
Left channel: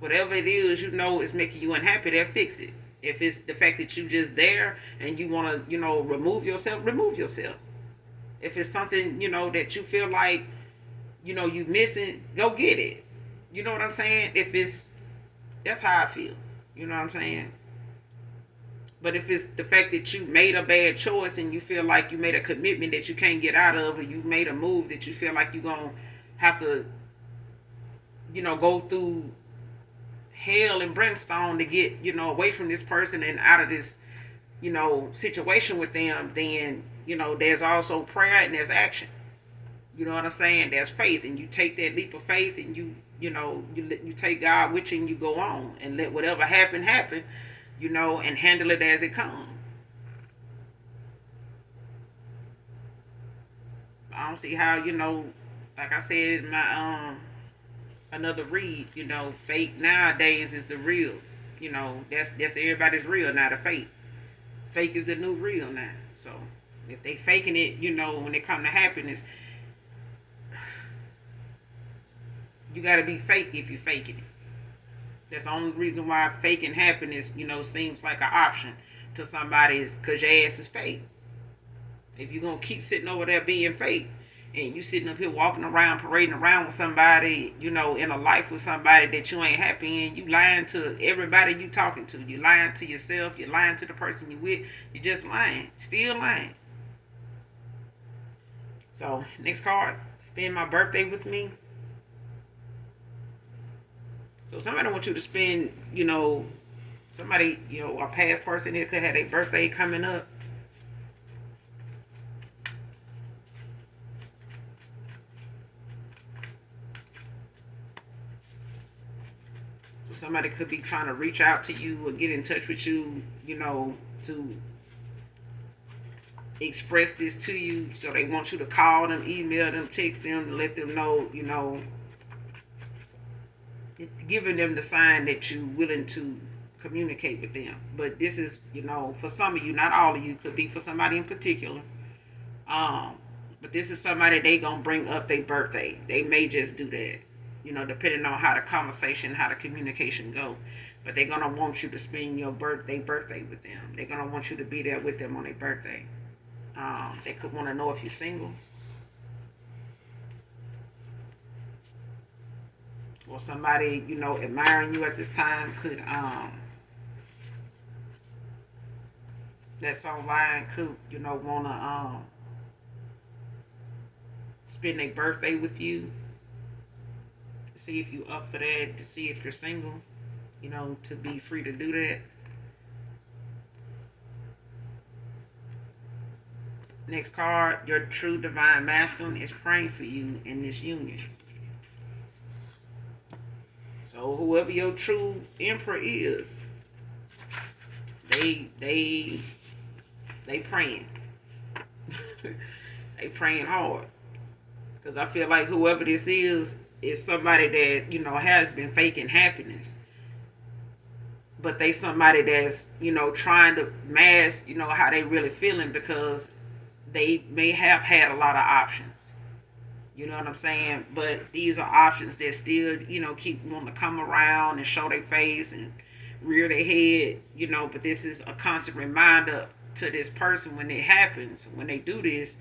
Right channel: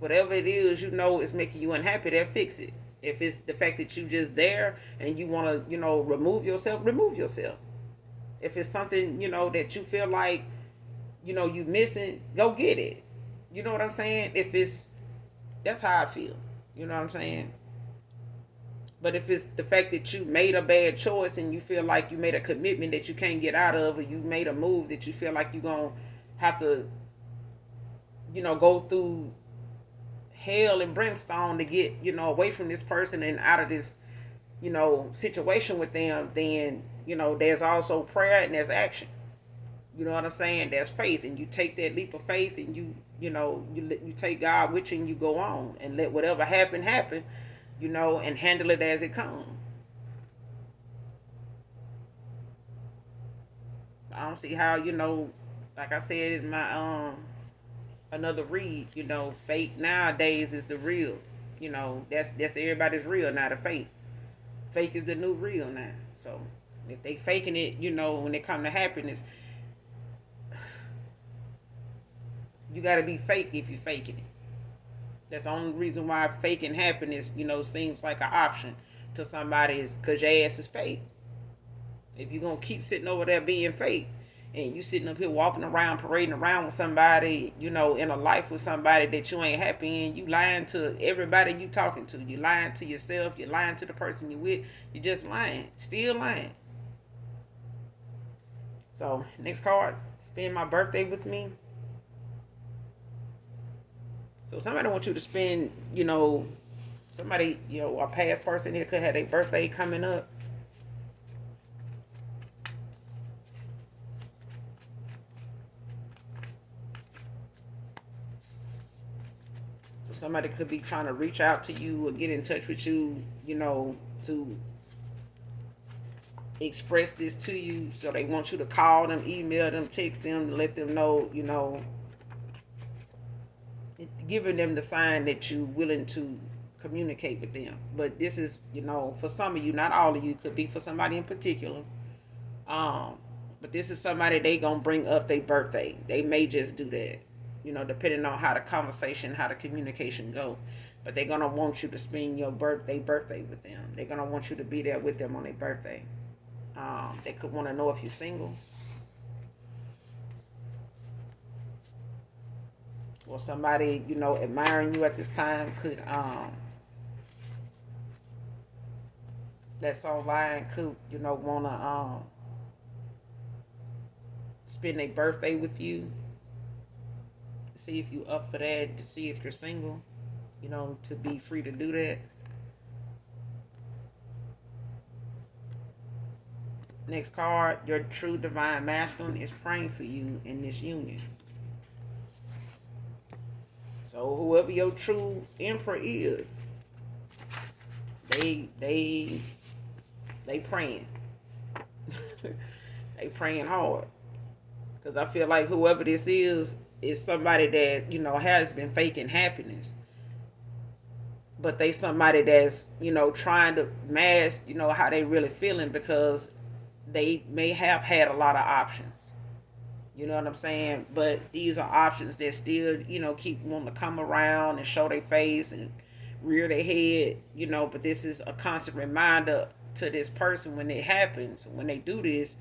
Whatever it is is making you unhappy, then fix it. If it's the fact that you just there and you want to remove yourself, remove yourself. If it's something that you feel like you missing, go get it. You know what I'm saying? If it's That's how I feel. You know what I'm saying? But if it's the fact that you made a bad choice and you feel like you made a commitment that you can't get out of, or you made a move that you feel like you're going to have to, go through hell and brimstone to get, away from this person and out of this, situation with them, then, there's also prayer and there's action. You know what I'm saying? There's faith, and you take that leap of faith, and you take God with you, and you go on and let whatever happen, and handle it as it comes. I don't see how, like I said in my another read, fake nowadays is the real. That's everybody's real, not a fake. Fake is the new real now. So if they faking it, when it come to happiness, you got to be fake if you faking it. That's the only reason why faking happiness, seems like an option to somebody, is because your ass is fake. If you're going to keep sitting over there being fake, and you sitting up here walking around, parading around with somebody, in a life with somebody that you ain't happy in, you lying to everybody you talking to. You lying to yourself. You lying to the person you with. You just lying. Still lying. So, next card. Spend my birthday with me. So somebody wants you to spend, somebody, a past person here could have a birthday coming up. So somebody could be trying to reach out to you or get in touch with you, to express this to you. So they want you to call them, email them, text them, let them know, giving them the sign that you're willing to communicate with them. But this is, for some of you, not all of you, could be for somebody in particular. But this is somebody they gonna bring up their birthday. They may just do that, depending on how the conversation, how the communication go. But they're gonna want you to spend your birthday with them. They're gonna want you to be there with them on their birthday. They could want to know if you're single. Or somebody, admiring you at this time could, that's online, could, want to spend a birthday with you, to see if you up for that, to see if you're single, to be free to do that. Next card, your true divine masculine is praying for you in this union. So whoever your true emperor is, they praying. They praying hard. Because I feel like whoever this is somebody that, has been faking happiness. But they somebody that's, trying to mask, how they really feeling, because they may have had a lot of options. You know what I'm saying? But these are options that still, keep wanting to come around and show their face and rear their head, But this is a constant reminder to this person when it happens, when they do this,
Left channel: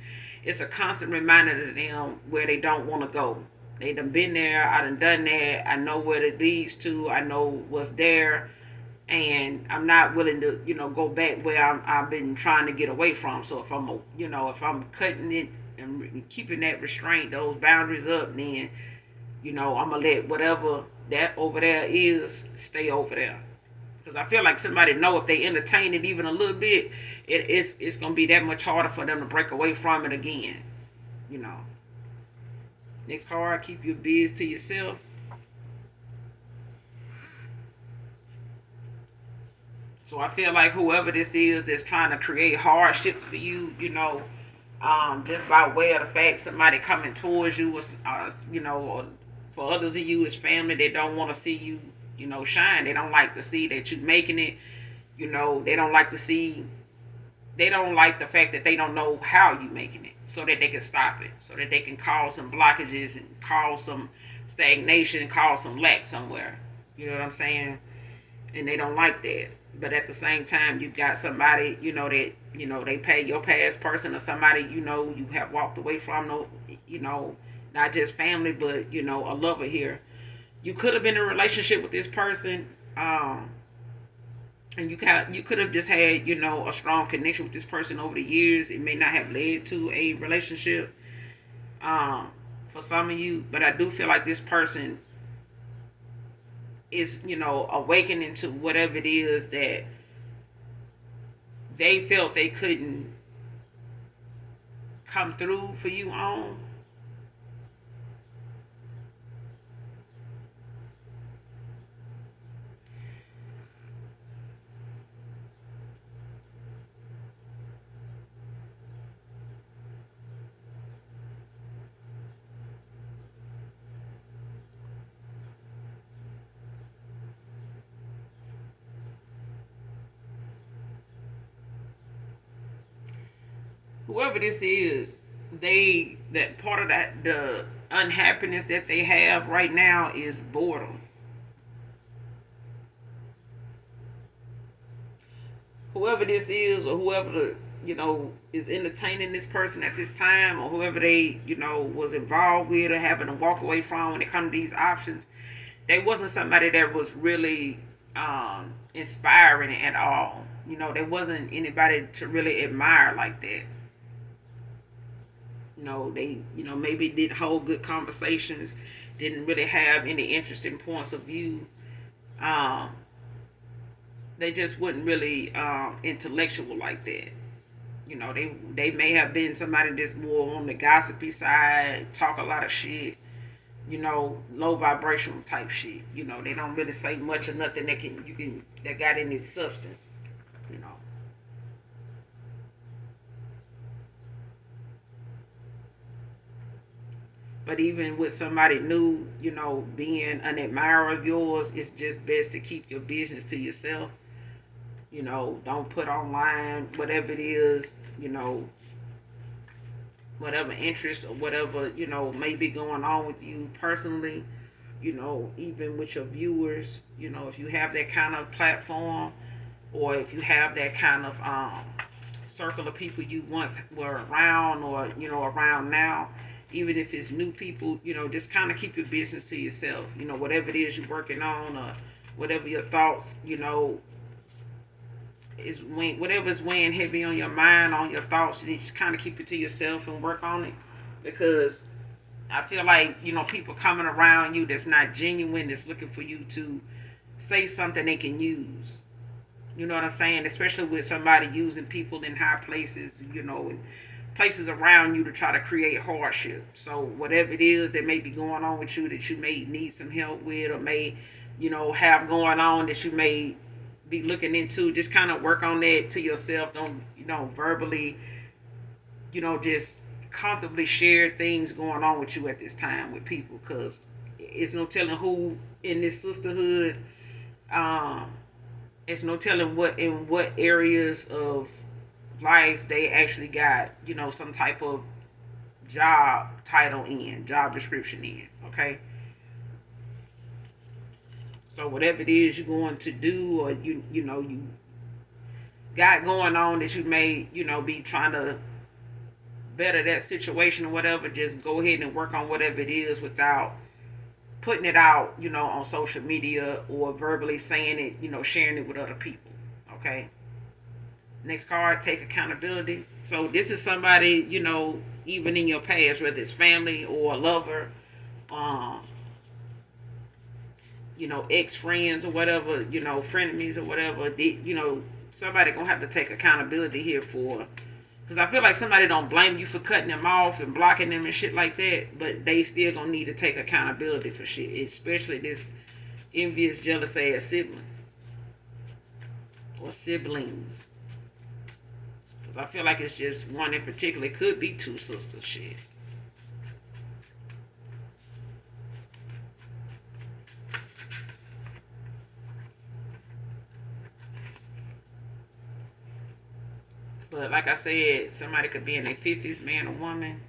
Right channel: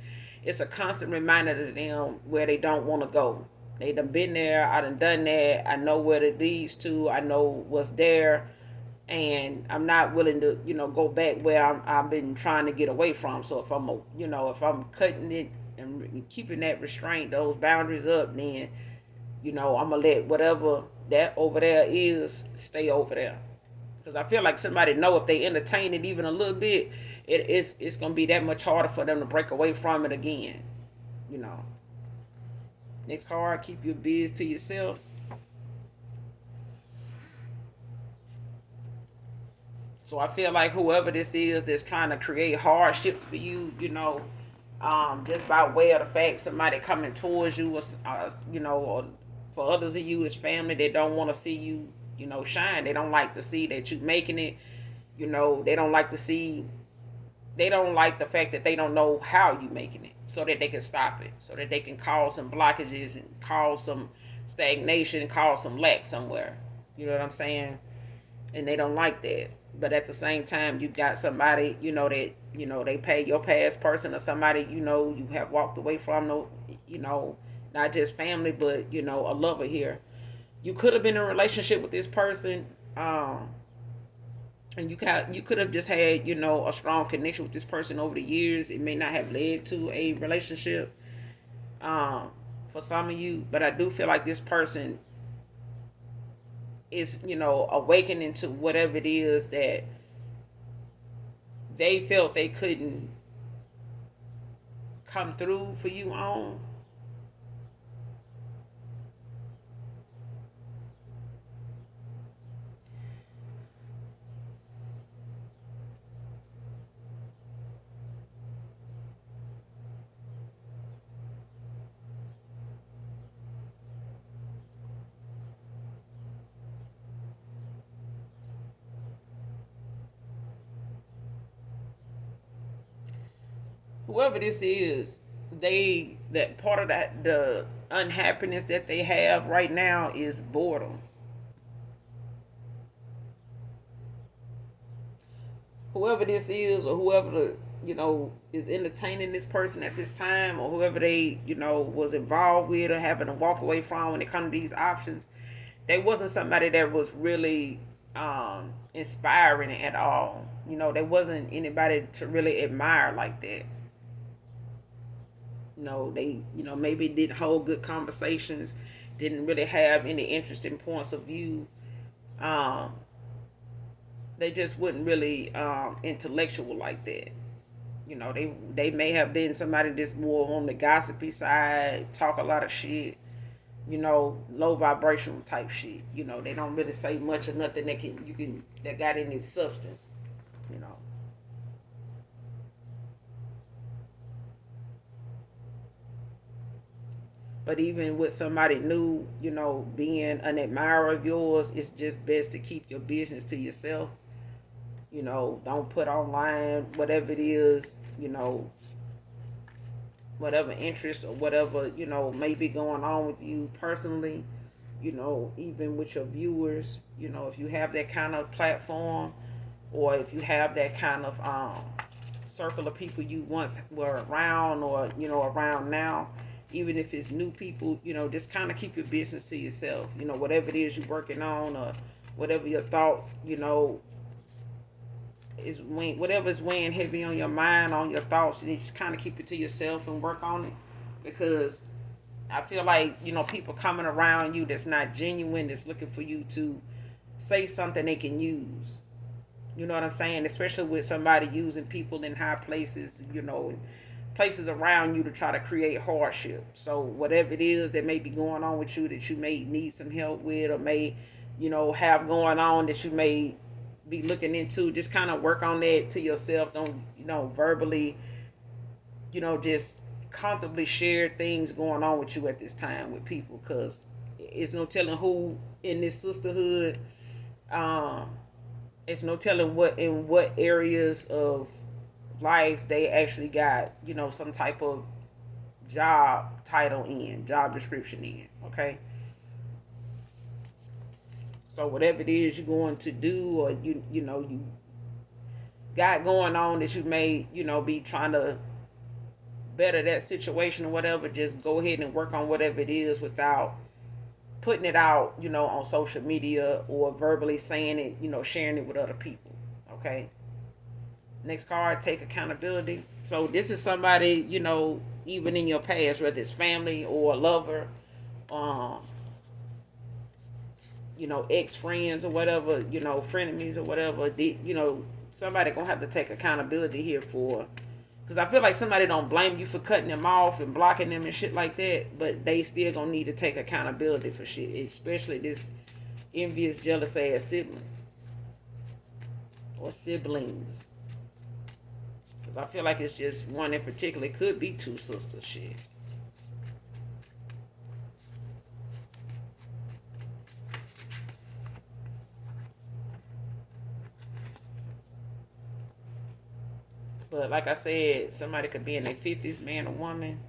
it's a constant reminder to them where they don't want to go. They done been there, I done that, I know what it leads to, I know what's there, and I'm not willing to, go back where I've been trying to get away from. So if I'm, if I'm cutting it and keeping that restraint, those boundaries up, then, I'm gonna let whatever that over there is stay over there. Because I feel like somebody know if they entertain it even a little bit, it's gonna be that much harder for them to break away from it again. You know, next card, keep your biz to yourself. So I feel like whoever this is that's trying to create hardships for you, just by way of the fact somebody coming towards you, or for others of you as family, they don't want to see you, shine. They don't like to see that you making it. They don't like to see. They don't like the fact that they don't know how you making it, so that they can stop it, so that they can cause some blockages and cause some stagnation and cause some lack somewhere. You know what I'm saying? And they don't like that. But at the same time, you got somebody, that they pay your past person or somebody you have walked away from, no, not just family, but a lover here. You could have been in a relationship with this person, and you could have just had a strong connection with this person over the years. It may not have led to a relationship, um, for some of you, but I do feel like this person is awakening to whatever it is that they felt they couldn't come through for you on. Whoever this is, they that part of that the unhappiness that they have right now is boredom. Whoever this is, or whoever is entertaining this person at this time, or whoever they was involved with or having to walk away from when it comes to these options, they wasn't somebody that was really inspiring at all. There wasn't anybody to really admire like that. They maybe didn't hold good conversations, didn't really have any interesting points of view. um they just wasn't really intellectual like that. They may have been somebody that's more on the gossipy side, talk a lot of shit, low vibrational type shit. They don't really say much or nothing that got any substance. you know But even with somebody new, being an admirer of yours, it's just best to keep your business to yourself. Don't put online whatever it is, whatever interest or whatever, may be going on with you personally, even with your viewers. If you have that kind of platform, or if you have that kind of circle of people you once were around, or around now, even if it's new people, just kind of keep your business to yourself. Whatever it is you're working on, or whatever your thoughts, is when whatever's weighing heavy on your mind, on your thoughts, you just kind of keep it to yourself and work on it. Because I feel like people coming around you that's not genuine, that's looking for you to say something they can use. You know what I'm saying? Especially with somebody using people in high places, and places around you to try to create hardship. So whatever it is that may be going on with you that you may need some help with, or may, have going on that you may be looking into, just kind of work on that to yourself. Don't, verbally, just comfortably share things going on with you at this time with people, because it's no telling who in this sisterhood. Um, it's no telling what in what areas of life they actually got, some type of job title in, job description in. Okay. So whatever it is you're going to do, or you got going on that you may, be trying to better that situation or whatever, just go ahead and work on whatever it is without putting it out, on social media or verbally saying it, sharing it with other people. Okay. Next card, take accountability. So this is somebody, even in your past, whether it's family or a lover, um, ex-friends or whatever, frenemies or whatever, somebody gonna have to take accountability here for, because I feel like somebody don't blame you for cutting them off and blocking them and shit like that, but they still gonna need to take accountability for shit, especially this envious, jealous ass sibling or siblings. Because I feel like it's just one in particular. It could be two sisters, shit. But like I said, somebody could be in their 50s, man or woman.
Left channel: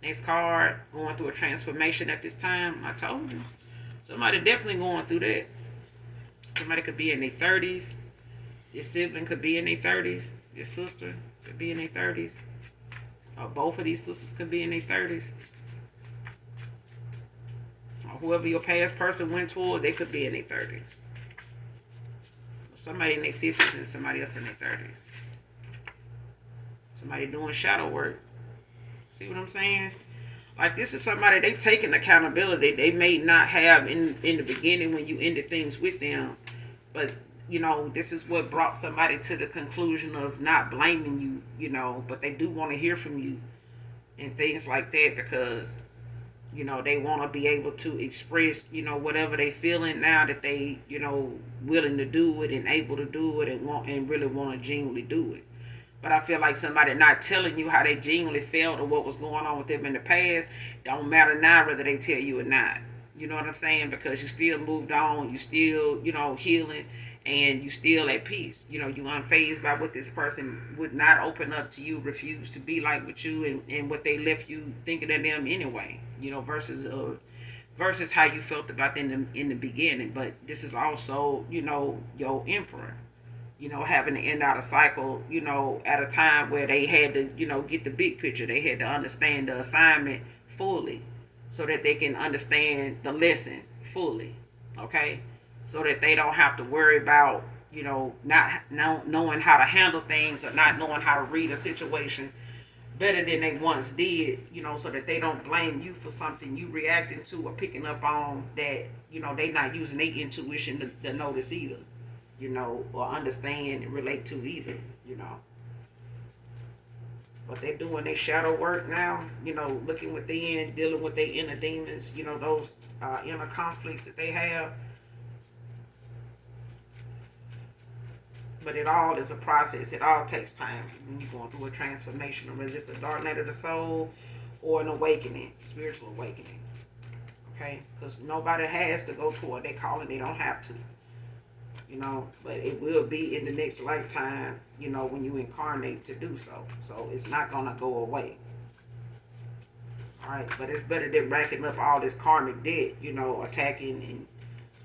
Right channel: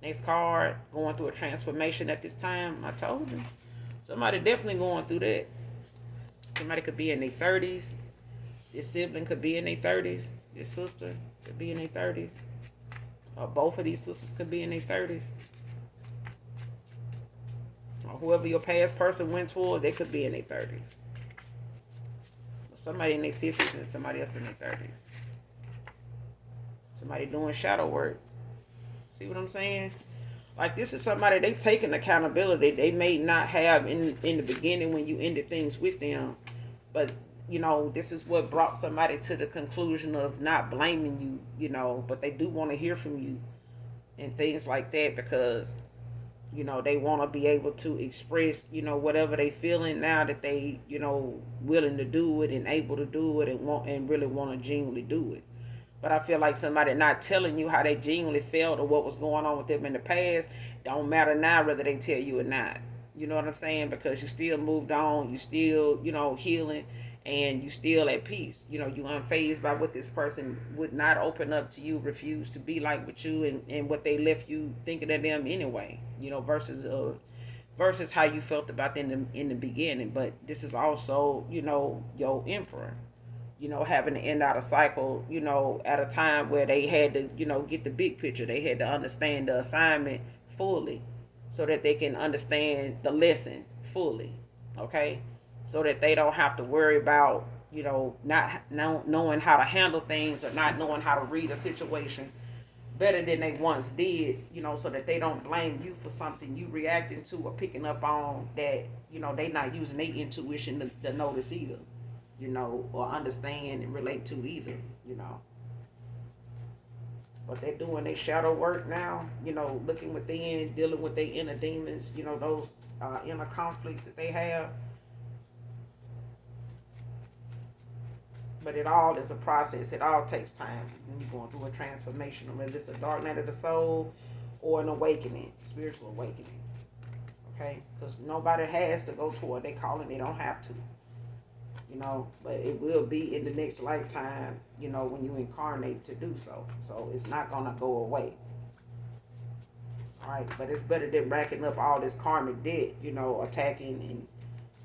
Next card, going through a transformation at this time. I told you. Somebody definitely going through that. Somebody could be in their 30s. Your sibling could be in their 30s. Your sister could be in their 30s. Or both of these sisters could be in their 30s. Or whoever your past person went toward, they could be in their 30s. Somebody in their 50s and somebody else in their 30s. Somebody doing shadow work. See what I'm saying? Like, this is somebody, they taking accountability they may not have in the beginning when you ended things with them. But, this is what brought somebody to the conclusion of not blaming you, but they do want to hear from you and things like that, because, they want to be able to express, whatever they feeling now that they, willing to do it and able to do it and really want to genuinely do it. But I feel like somebody not telling you how they genuinely felt or what was going on with them in the past don't matter now whether they tell you or not. You know what I'm saying? Because you still moved on, you still, healing, and you still at peace. You unfazed by what this person would not open up to you, refuse to be like with you, and what they left you thinking of them anyway. Versus how you felt about them in the beginning. But this is also, your emperor, having to end out a cycle, at a time where they had to, get the big picture. They had to understand the assignment fully so that they can understand the lesson fully, okay? So that they don't have to worry about, not knowing how to handle things or not knowing how to read a situation better than they once did, so that they don't blame you for something you reacting to or picking up on that, they not using their intuition to notice either, or understand and relate to either. But they're doing their shadow work now, looking within, dealing with their inner demons, those inner conflicts that they have. But it all is a process. It all takes time when you're going through a transformation, whether it's a dark night of the soul or an awakening, spiritual awakening. Okay? Because nobody has to go toward their calling. They don't have to. But it will be in the next lifetime, when you incarnate to do so. So it's not going to go away. All right, but it's better than racking up all this karmic debt, attacking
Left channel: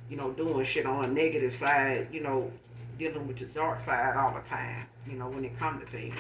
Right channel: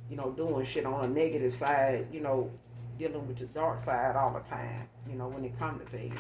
and, doing shit on a negative side, dealing with the dark side all the time, when it comes to things.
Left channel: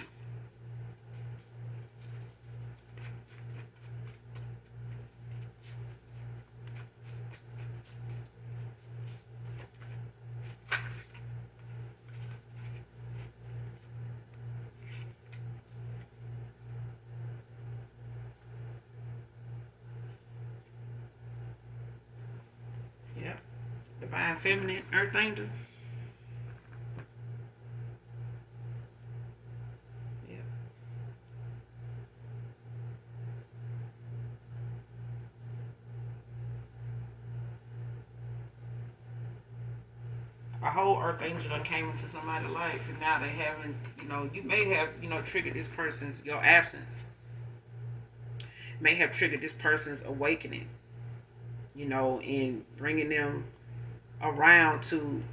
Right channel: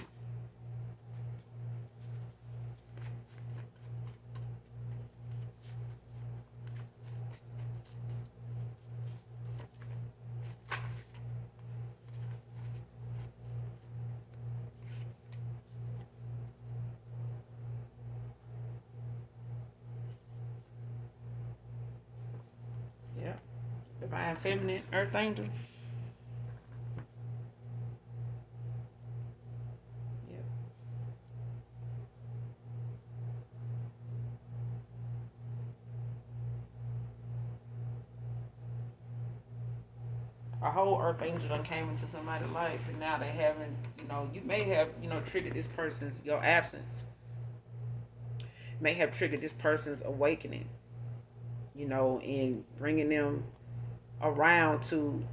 Divine Feminine, Earth Angel. Yeah. A whole Earth Angel done came into somebody's life, and now they haven't, you may have, triggered this person's, your absence. May have triggered this person's awakening, in bringing them around to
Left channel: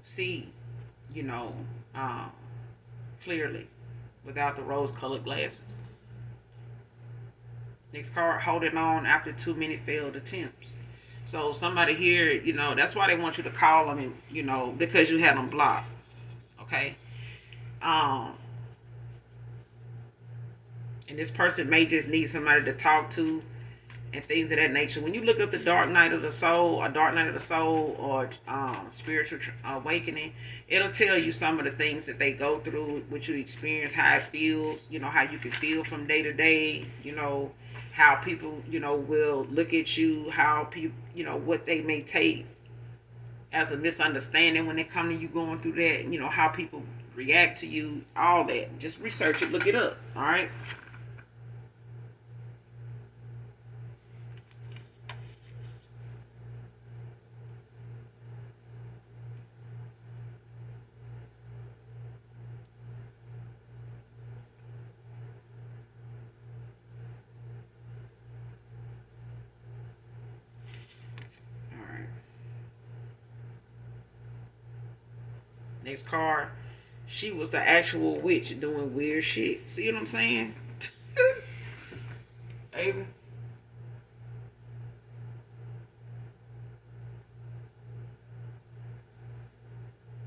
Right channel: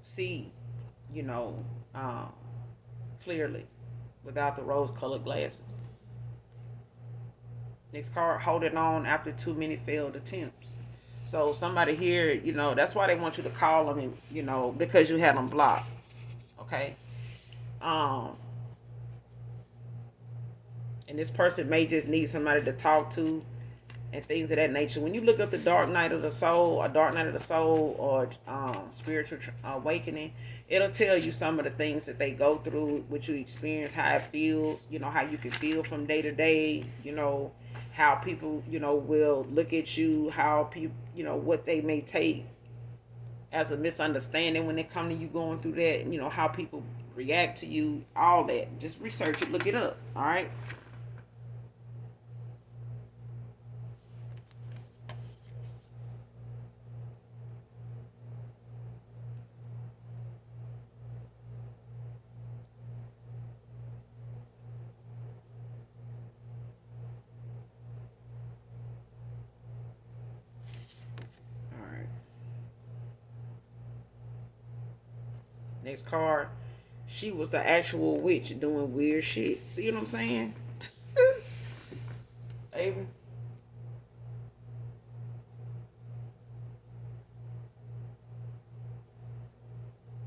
see, you know, um, clearly without the rose colored glasses. Next card, holding on after too many failed attempts. So somebody here, that's why they want you to call them, and because you had them blocked. Okay, Um, and this person may just need somebody to talk to and things of that nature. When you look up the dark night of the soul, or dark night of the soul, or spiritual awakening, it'll tell you some of the things that they go through, what you experience, how it feels, how you can feel from day to day, how people, will look at you, how people, what they may take as a misunderstanding when they come to you going through that, how people react to you, all that. Just research it, look it up, all right? All right. Next card. She was the actual witch doing weird shit. See what I'm saying? Baby.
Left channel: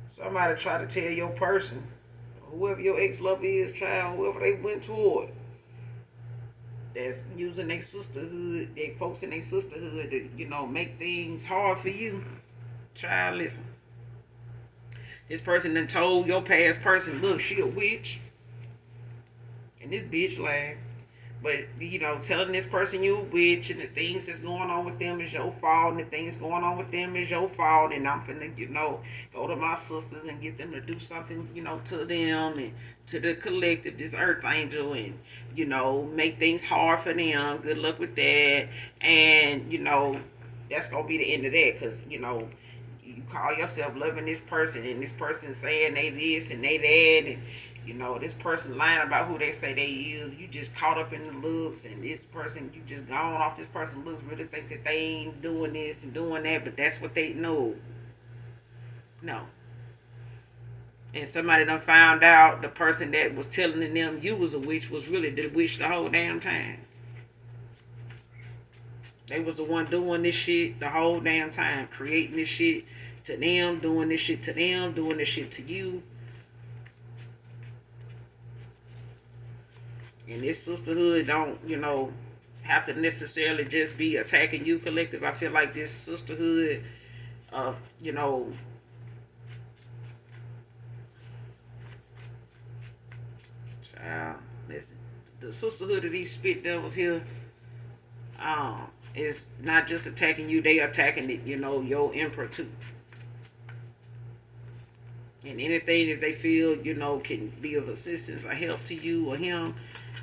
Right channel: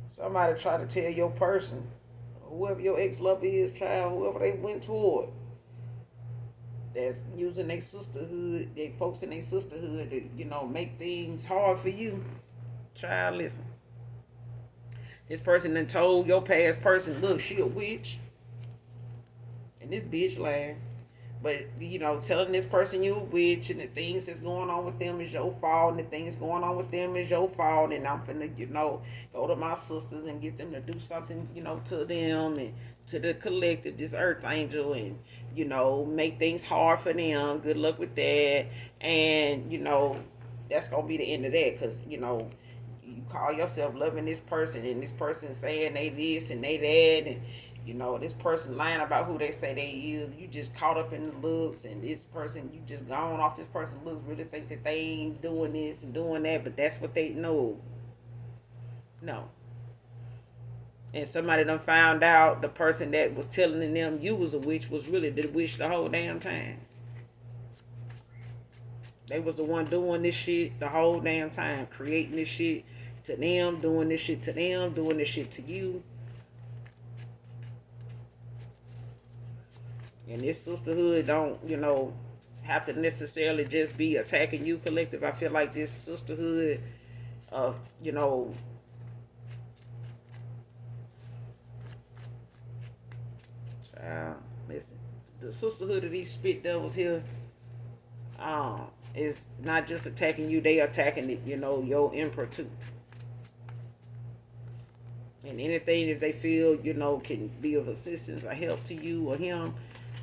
Somebody try to tell your person, whoever your ex lover is, child, whoever they went toward, that's using their sisterhood, they folks in their sisterhood to, make things hard for you. Child, listen. This person done told your past person, look, she a witch. And this bitch lying. But telling this person you a witch and the things that's going on with them is your fault, and the things going on with them is your fault, and I'm finna, go to my sisters and get them to do something, to them and to the collective, this earth angel, and make things hard for them. Good luck with that. And that's gonna be the end of that, because you call yourself loving this person, and this person saying they this and they that, and this person lying about who they say they is. You just caught up in the looks, and this person, you just gone off this person's looks, really think that they ain't doing this and doing that, but that's what they know. No. And somebody done found out the person that was telling them you was a witch was really the witch the whole damn time. They was the one doing this shit the whole damn time, creating this shit to them, doing this shit to them, doing this shit to you. And this sisterhood don't, have to necessarily just be attacking you collective. I feel like this sisterhood, uh, you know, child, listen, the sisterhood of these spit devils here, is not just attacking you, they attacking it, your emperor too. And anything that they feel, can be of assistance or help to you or him,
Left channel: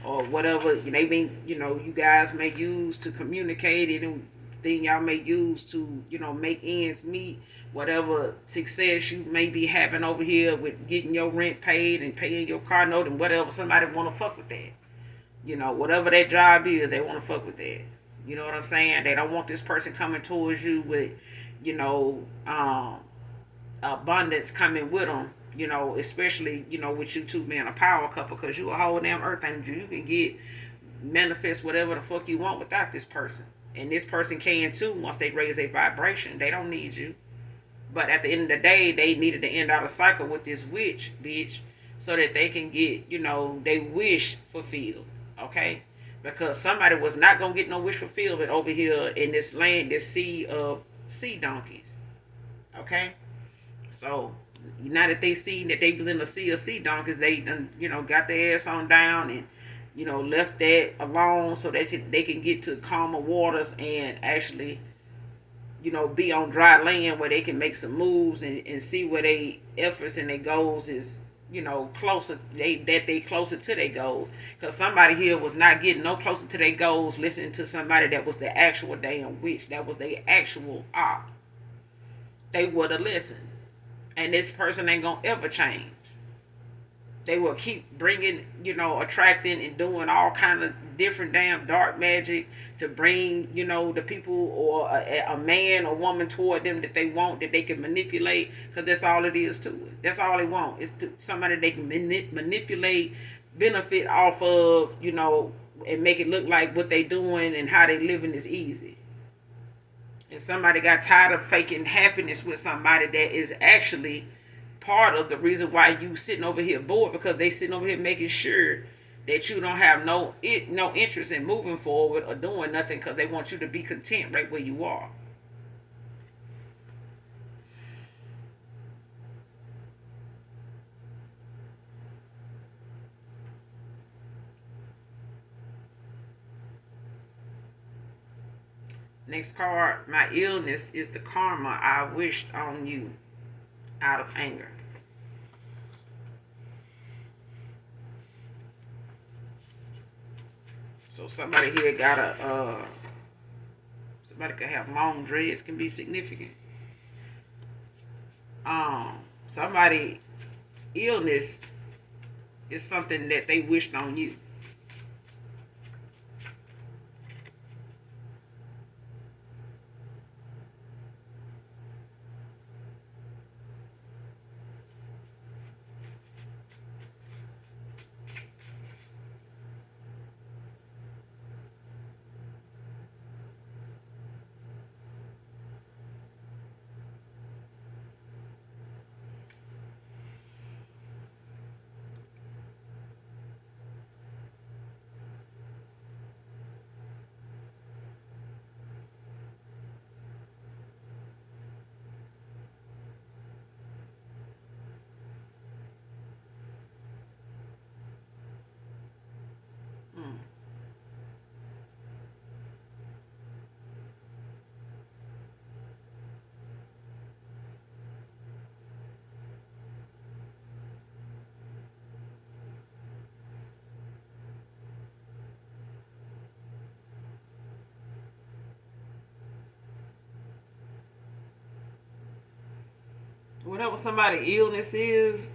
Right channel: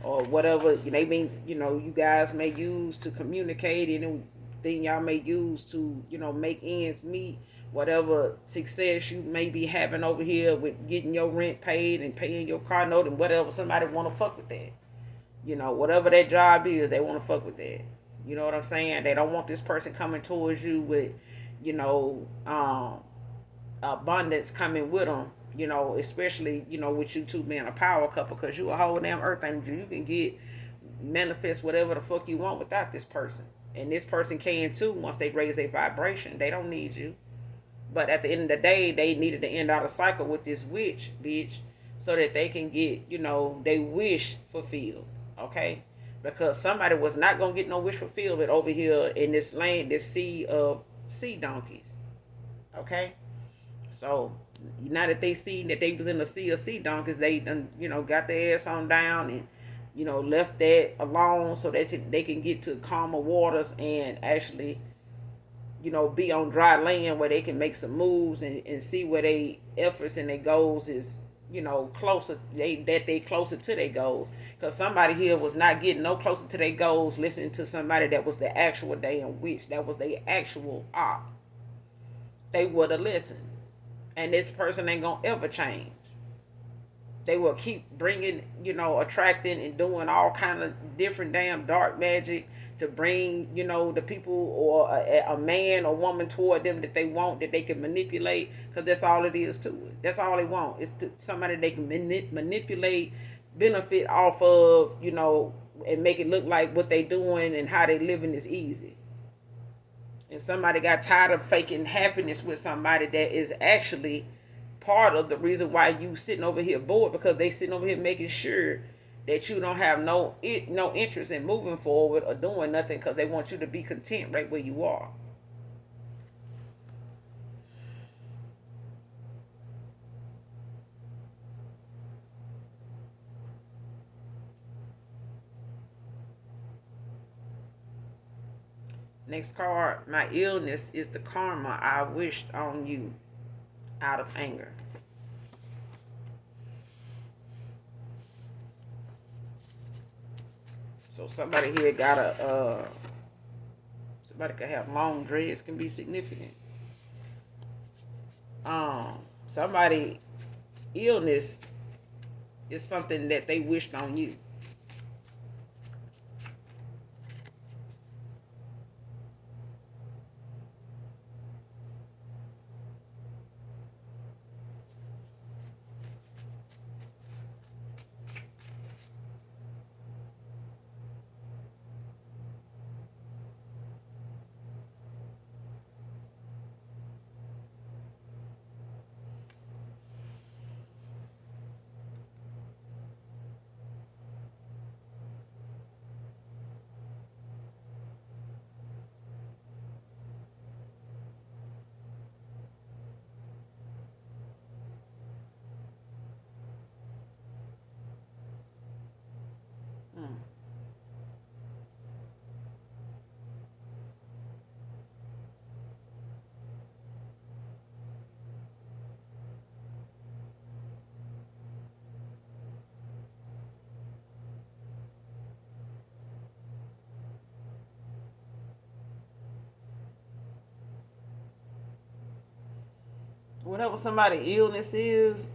or whatever they mean, you guys may use to communicate, anything y'all may use to, make ends meet, whatever success you may be having over here with getting your rent paid and paying your car note and whatever, somebody want to fuck with that. Whatever that job is, they want to fuck with that. You know what I'm saying? They don't want this person coming towards you with, you know, um, abundance coming with them. Especially with you two being a power couple, because you a whole damn earth angel. You can get manifest whatever the fuck you want without this person, and this person can too. Once they raise their vibration, they don't need you. But at the end of the day, they needed to end out a cycle with this witch bitch, so that they can get they wish fulfilled. Okay, because somebody was not gonna get no wish fulfillment over here in this land, this sea of sea donkeys. Okay, so now that they seen that they was in the sea of sea donkeys, they done got their ass on down and left that alone, so they can get to calmer waters and actually be on dry land where they can make some moves and see where they efforts and their goals is closer, they closer to their goals, because somebody here was not getting no closer to their goals listening to somebody that was the actual damn witch, that was their actual op. They would have listened, and this person ain't gonna ever change. They will keep bringing, attracting and doing all kind of different damn dark magic to bring, the people or a man or woman toward them that they want, that they can manipulate, because that's all it is to it. That's all they want is to somebody they can manipulate, benefit off of, and make it look like what they doing and how they living is easy. And somebody got tired of faking happiness with somebody that is actually part of the reason why you sitting over here bored, because they sitting over here making sure that you don't have no interest in moving forward or doing nothing, because they want you to be content right where you are. Next card, my illness is the karma I wished on you out of anger. So somebody here got somebody could have long dreads, can be significant. Somebody illness is something that they wished on you. Hmm. Whatever somebody illness is,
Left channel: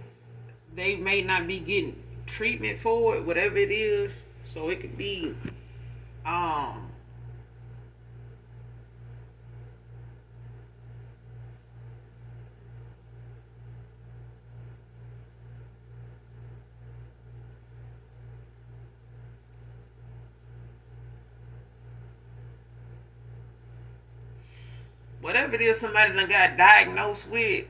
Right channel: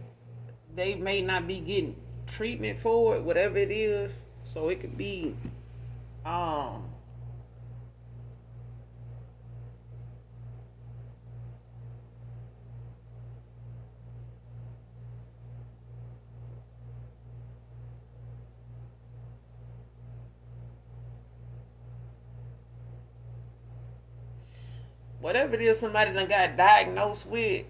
they may not be getting treatment for it, whatever it is. So it could be um whatever it is somebody done got diagnosed with.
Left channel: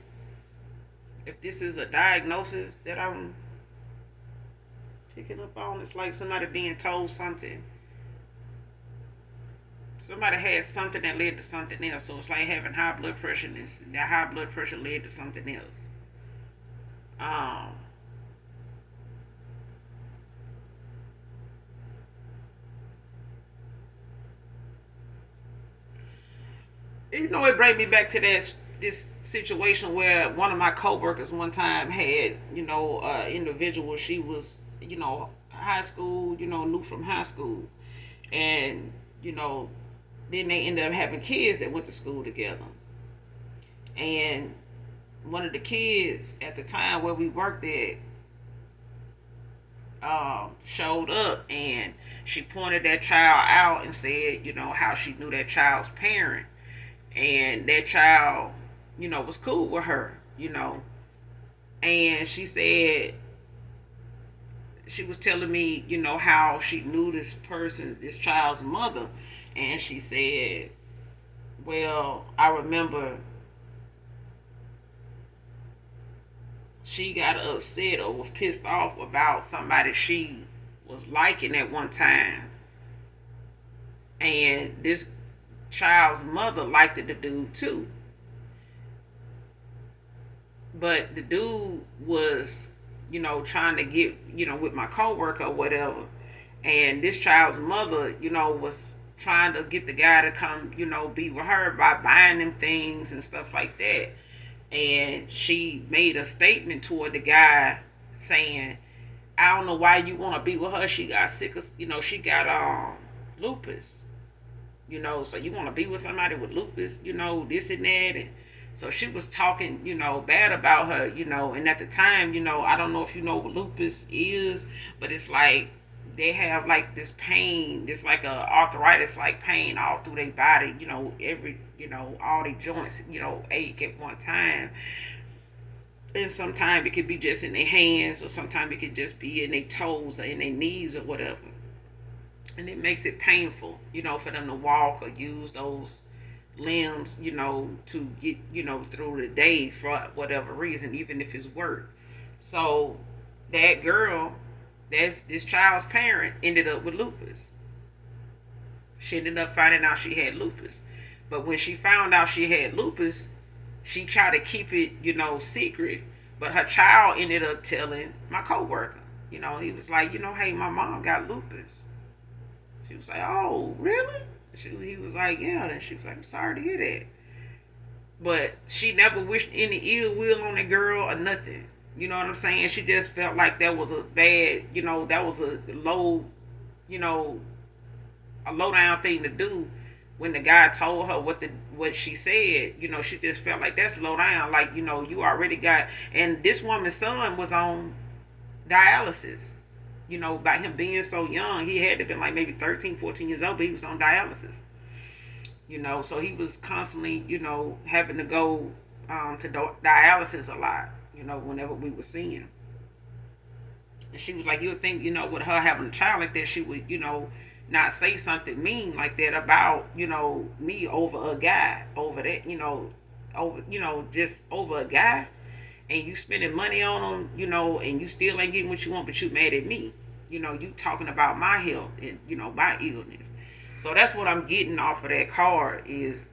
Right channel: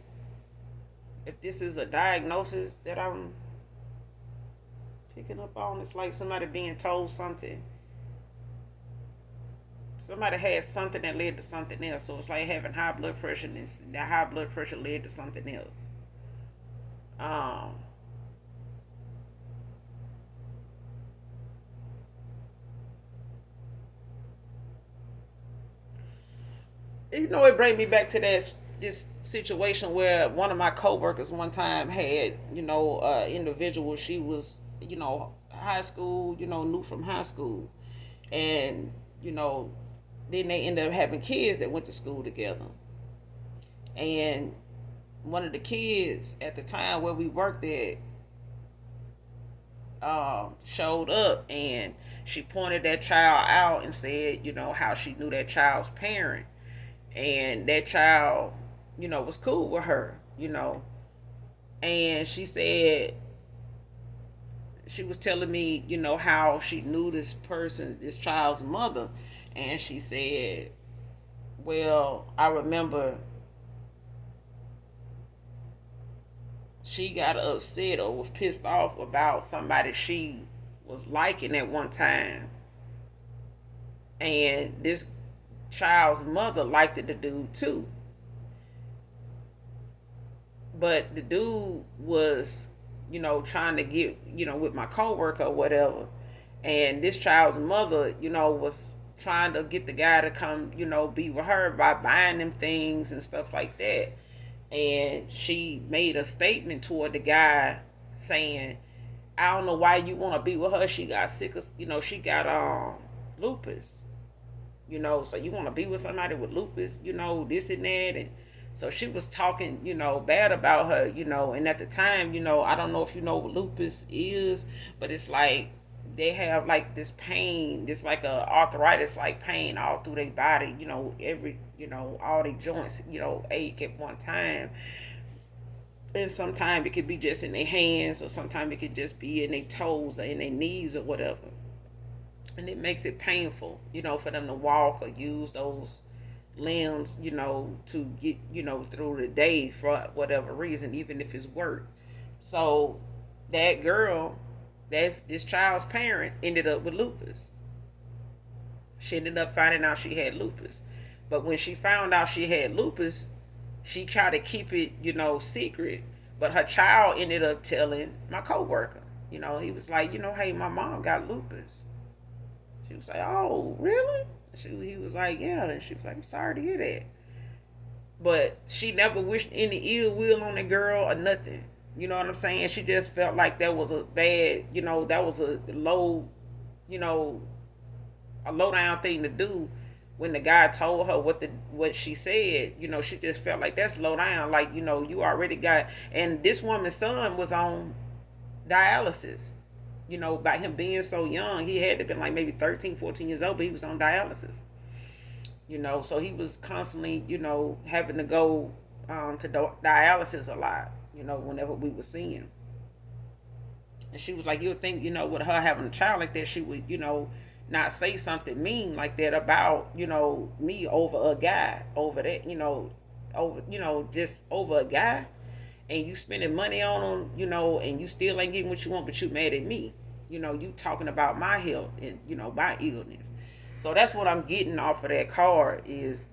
If this is a diagnosis that I'm picking up on, it's like somebody being told something. Somebody had something that led to something else. So it's like having high blood pressure, and that high blood pressure led to something else. Um, it brings me back to this situation where one of my coworkers one time had, individual. She was, high school, new from high school, and you know, then they ended up having kids that went to school together. And one of the kids at the time where we worked at showed up, and she pointed that child out and said, how she knew that child's parent, and that child, was cool with her. And she said, she was telling me, how she knew this child's mother. And she said, well, I remember she got upset or was pissed off about somebody she was liking at one time. And this child's mother liked the dude too. But the dude was, trying to get, with my coworker or whatever. And this child's mother, was trying to get the guy to come, be with her by buying them things and stuff like that. And she made a statement toward the guy saying, I don't know why you want to be with her. She got sick of, she got lupus. So you want to be with somebody with lupus, this and that. And so she was talking, bad about her, and at the time, I don't know if you know what lupus is, but it's like they have like this pain, this like a arthritis like pain all through their body, every, all their joints, ache at one time. And sometimes it could be just in their hands, or sometimes it could just be in their toes or in their knees or whatever. And it makes it painful, for them to walk or use those limbs, to get, through the day for whatever reason, even if it's work. So that girl, that's this child's parent, ended up with lupus. She ended up finding out she had lupus. But when she found out she had lupus, she tried to keep it, secret. But her child ended up telling my coworker. He was like, hey, my mom got lupus. She was like, oh, really? He was like, yeah. And she was like, I'm sorry to hear that. But she never wished any ill will on the girl or nothing. You know what I'm saying? She just felt like that was a bad, that was a low, you know, a low down thing to do. When the guy told her what she said, she just felt like that's low down. Like, you already got, and this woman's son was on dialysis. By him being so young, he had to been like maybe 13, 14 years old, but he was on dialysis. So he was constantly, having to go to dialysis a lot, whenever we were seeing him. And she was like, you would think, with her having a child like that, she would, not say something mean like that about, me over a guy, over that, over, just over a guy. And you spending money on them, and you still ain't getting what you want, but you mad at me. You talking about my health and, my illness. So that's what I'm getting off of that card is,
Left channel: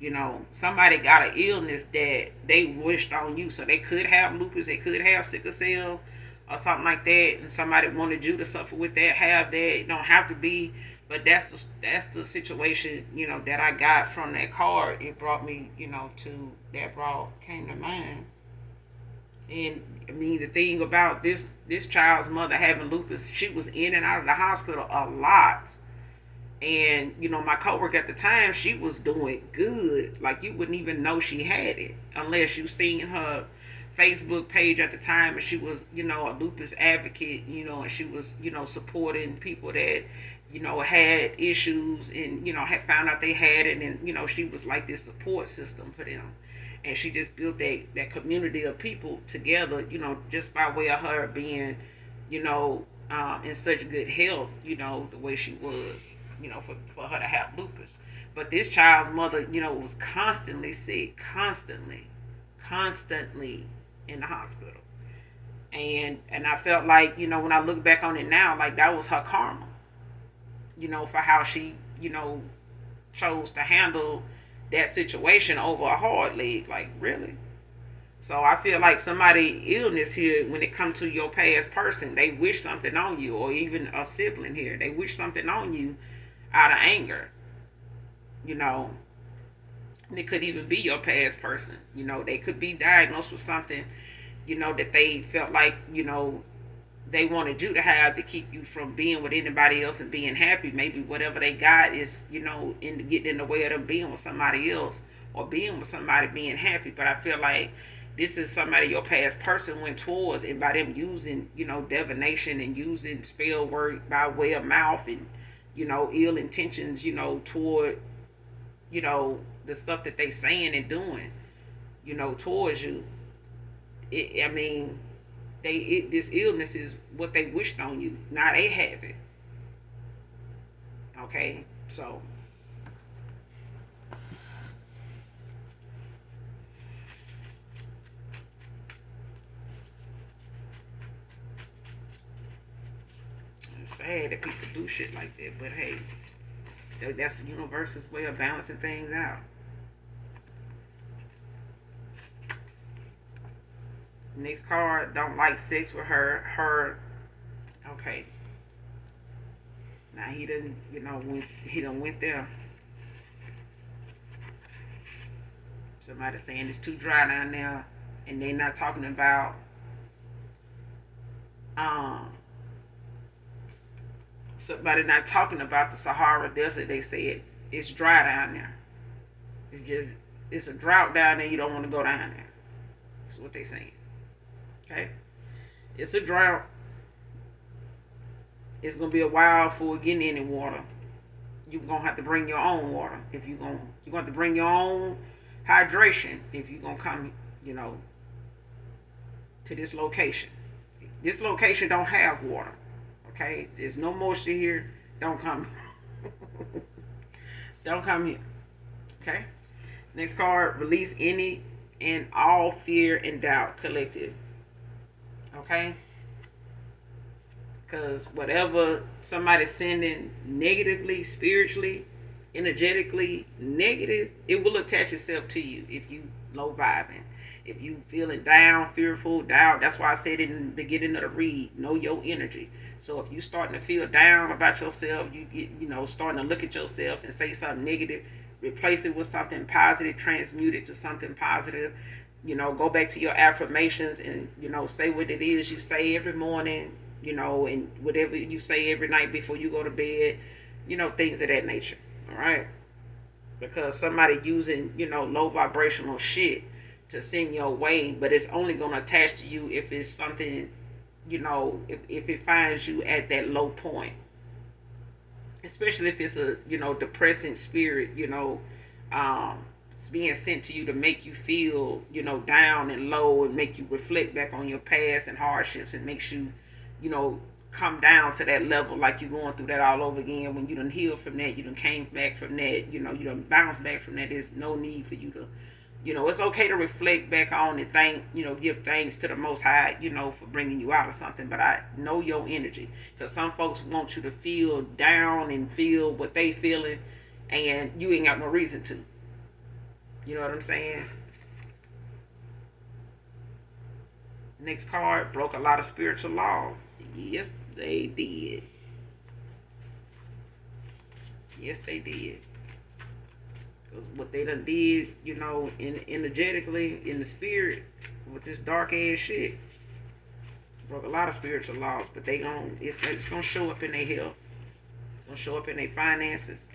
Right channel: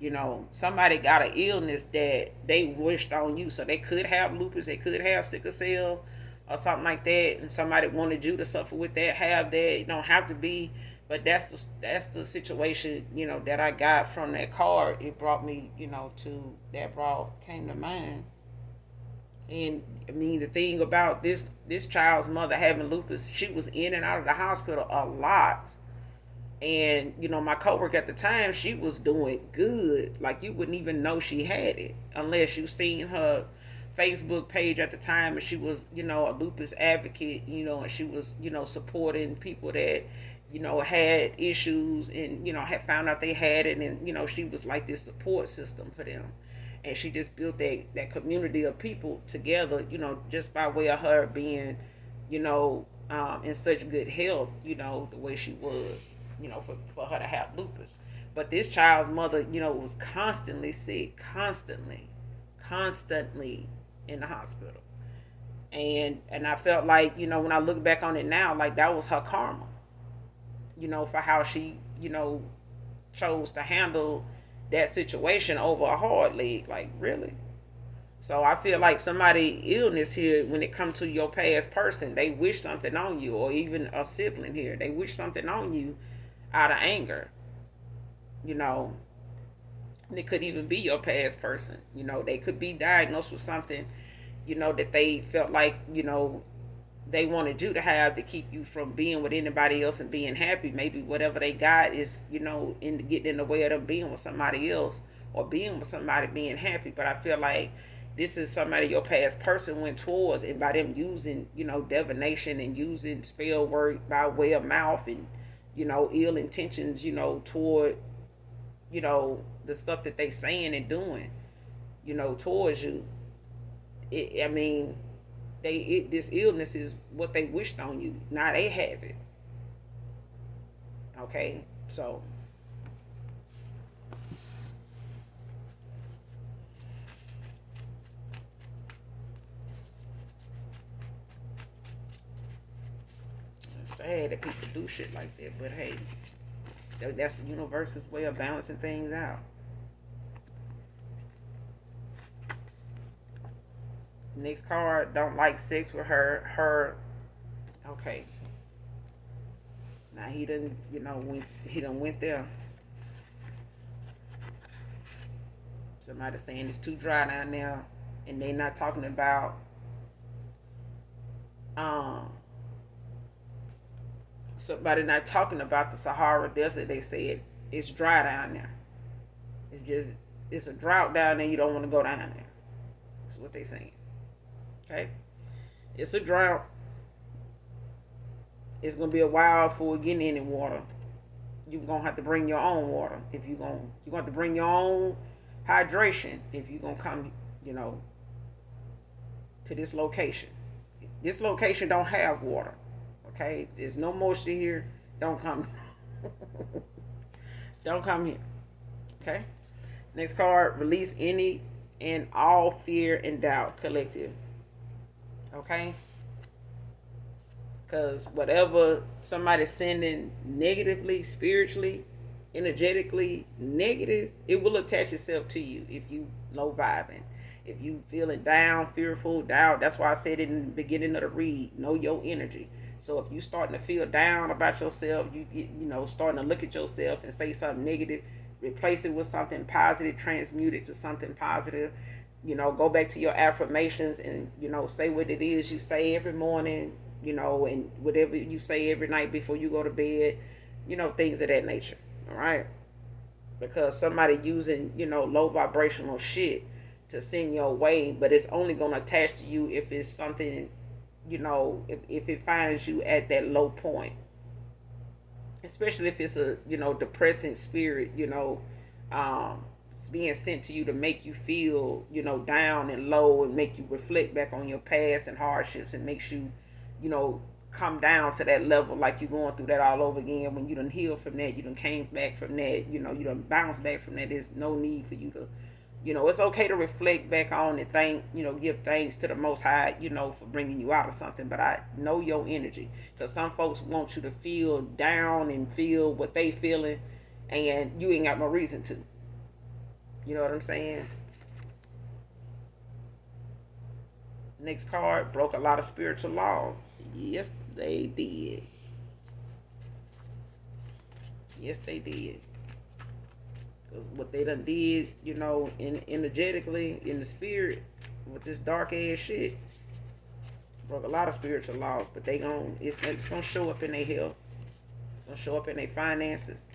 somebody got an illness that they wished on you. So they could have lupus, they could have sickle cell or something like that, and somebody wanted you to suffer with that, have that. It don't have to be, but that's the situation, that I got from that card. It brought me, to that brought came to mind. And I mean, the thing about this child's mother having lupus, she was in and out of the hospital a lot. And my coworker at the time, she was doing good. Like you wouldn't even know she had it unless you seen her Facebook page at the time, and she was, a lupus advocate, and she was, supporting people that, had issues and, had found out they had it, and, she was like this support system for them. And she just built that community of people together, just by way of her being, in such good health, the way she was, for her to have lupus. But this child's mother, was constantly sick, constantly in the hospital. And I felt like, when I look back on it now, like that was her karma, for how she, chose to handle that situation over a hard leg. Like, really? So I feel like somebody illness here, when it comes to your past person, they wish something on you, or even a sibling here, they wish something on you out of anger. You know, and it could even be your past person. They could be diagnosed with something, that they felt like, they wanted you to have to keep you from being with anybody else and being happy. Maybe whatever they got is, getting in the way of them being with somebody else or being with somebody being happy. But I feel like this is somebody your past person went towards, and by them using, divination and using spell work by way of mouth and, ill intentions, toward, the stuff that they saying and doing, towards you. I mean, this illness is what they wished on you. Now they have it. Okay, so it's sad that people do shit like that, but hey, that's the universe's way of balancing things out. Next card, don't like sex with her. Okay. Now he didn't, he done went there. Somebody saying it's too dry down there, and they not talking about um somebody not talking about the Sahara Desert. They said it's dry down there. It's a drought down there. You don't want to go down there. That's what they saying. Okay, it's a drought. It's gonna be a while before getting any water. You're gonna have to bring your own water if you're gonna have to bring your own hydration if you're gonna come, to this location. This location don't have water. Okay, there's no moisture here. Don't come. Don't come here. Okay. Next card, release any and all fear and doubt, collective. Okay? Because whatever somebody's sending negatively, spiritually, energetically negative, it will attach itself to you if you low vibing. If you feeling down, fearful, doubt, that's why I said in the beginning of the read, know your energy. So if you starting to feel down about yourself, you get, starting to look at yourself and say something negative, replace it with something positive, transmute it to something positive. Go back to your affirmations and, say what it is you say every morning, and whatever you say every night before you go to bed, things of that nature. All right. Because somebody using, low vibrational shit to send your way, but it's only going to attach to you if it's something, if it finds you at that low point. Especially if it's a, depressing spirit, it's being sent to you to make you feel, down and low and make you reflect back on your past and hardships and makes you, you know, come down to that level like you're going through that all over again. When you done healed from that, you done came back from that, you done bounced back from that. There's no need for you to, it's okay to reflect back on and thank, give thanks to the Most High, for bringing you out of something. But I know your energy, because some folks want you to feel down and feel what they feeling, and you ain't got no reason to. You know what I'm saying? Next card, broke a lot of spiritual laws. Yes, they did. Yes, they did. What they done did, energetically, in the spirit, with this dark ass shit, broke a lot of spiritual laws. But it's gonna show up in their health, it's gonna show up in their finances.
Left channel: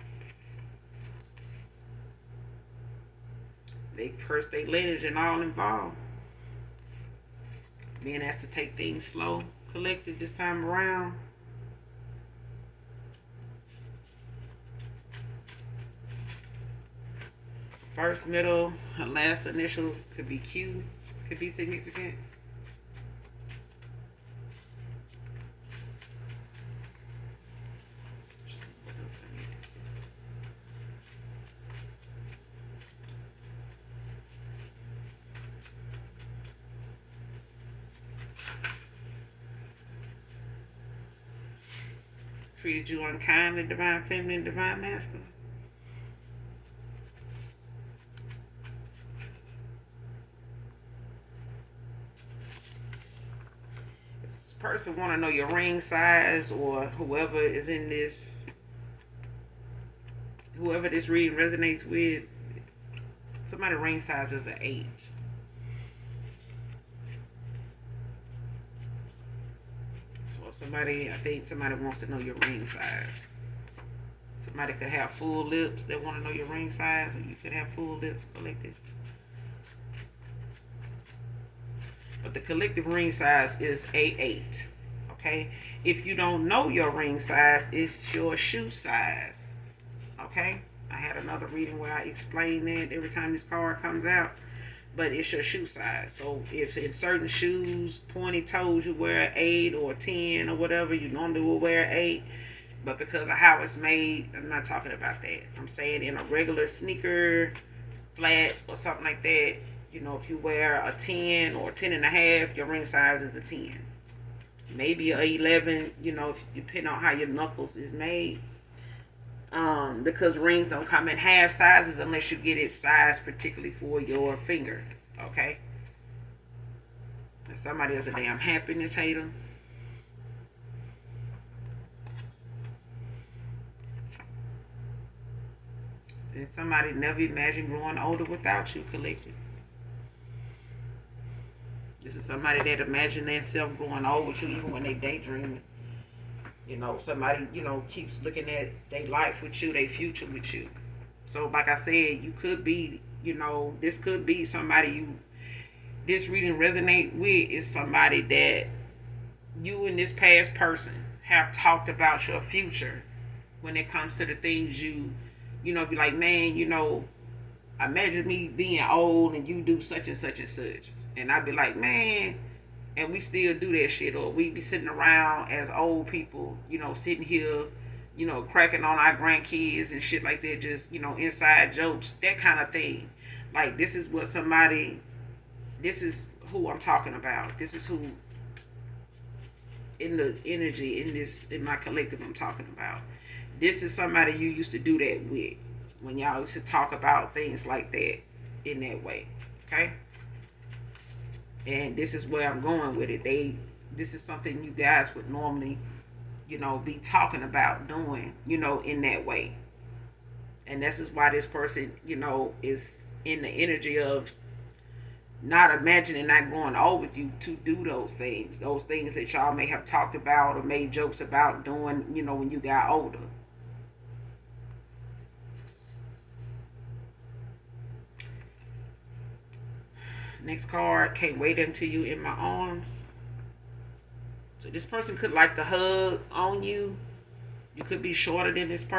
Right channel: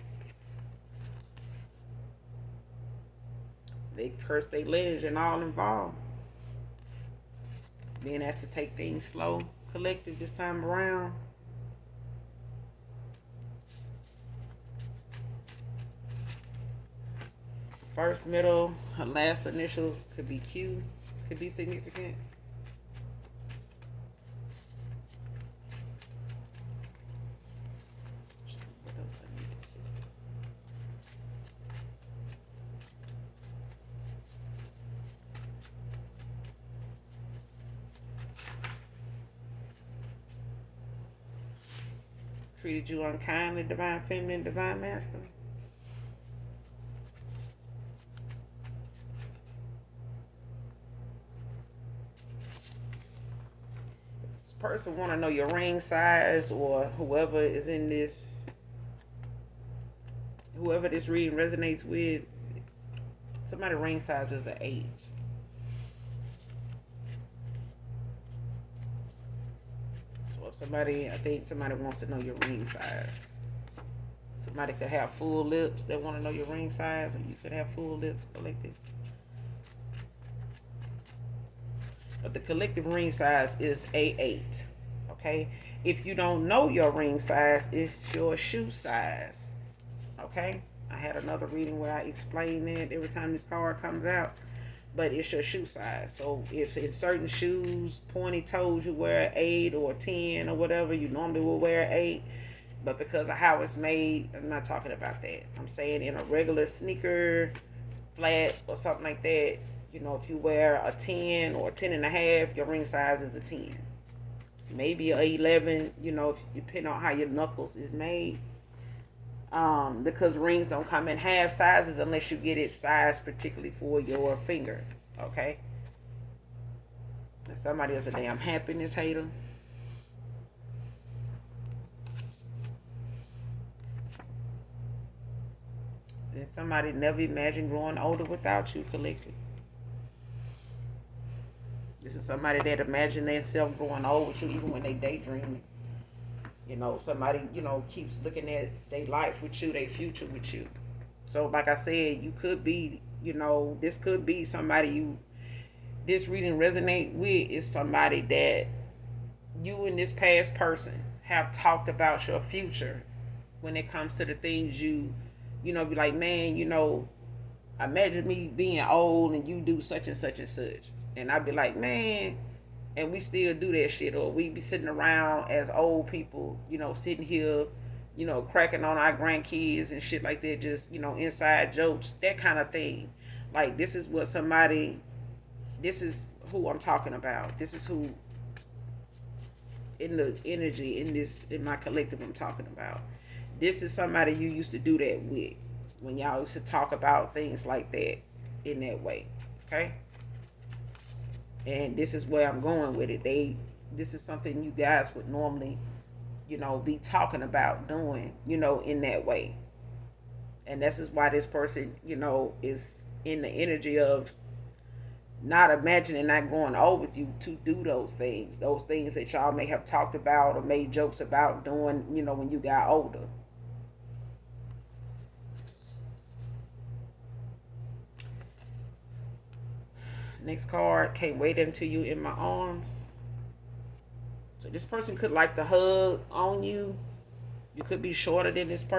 They cursed their lineage and all involved. Being asked to take things slow, collective this time around. First, middle, last initial could be Q, could be significant. Treated you unkindly, divine feminine, divine masculine. This person want to know your ring size, or whoever is in this, whoever this reading resonates with. Somebody ring size is an 8. I think somebody wants to know your ring size. Somebody could have full lips that want to know your ring size, or you could have full lips, collective. But the collective ring size is A8. Okay? If you don't know your ring size, it's your shoe size. Okay? I had another reading where I explain that every time this card comes out. But it's your shoe size. So if in certain shoes, pointy toes, you wear an 8 or a 10 or whatever, you normally will wear an 8. But because of how it's made, I'm not talking about that. I'm saying in a regular sneaker, flat or something like that, if you wear a 10 or a 10 and a half, your ring size is a 10. Maybe a 11, if depending on how your knuckles is made. Because rings don't come in half sizes unless you get it sized particularly for your finger. Okay? And somebody is a damn happiness hater. And somebody never imagined growing older without you, collective. This is somebody that imagined themselves growing old with you even when they daydreaming. Somebody, keeps looking at their life with you, their future with you. So, like I said, you could be, this could be somebody this reading resonate with is somebody that you and this past person have talked about your future when it comes to the things be like, man, imagine me being old and you do such and such and such. And I'd be like, man, and we still do that shit, or we be sitting around as old people, sitting here, cracking on our grandkids and shit like that, just, inside jokes, that kind of thing. Like, this is what somebody, this is who I'm talking about. This is who in the energy in my collective I'm talking about. This is somebody you used to do that with when y'all used to talk about things like that in that way. Okay? And this is where I'm going with it. This is something you guys would normally, be talking about doing, in that way. And this is why this person, is in the energy of not imagining not going over with you to do those things that y'all may have talked about or made jokes about doing, when you got older. Next card, can't wait until you in my arms. So this person could like to hug on you. You could be shorter than this person.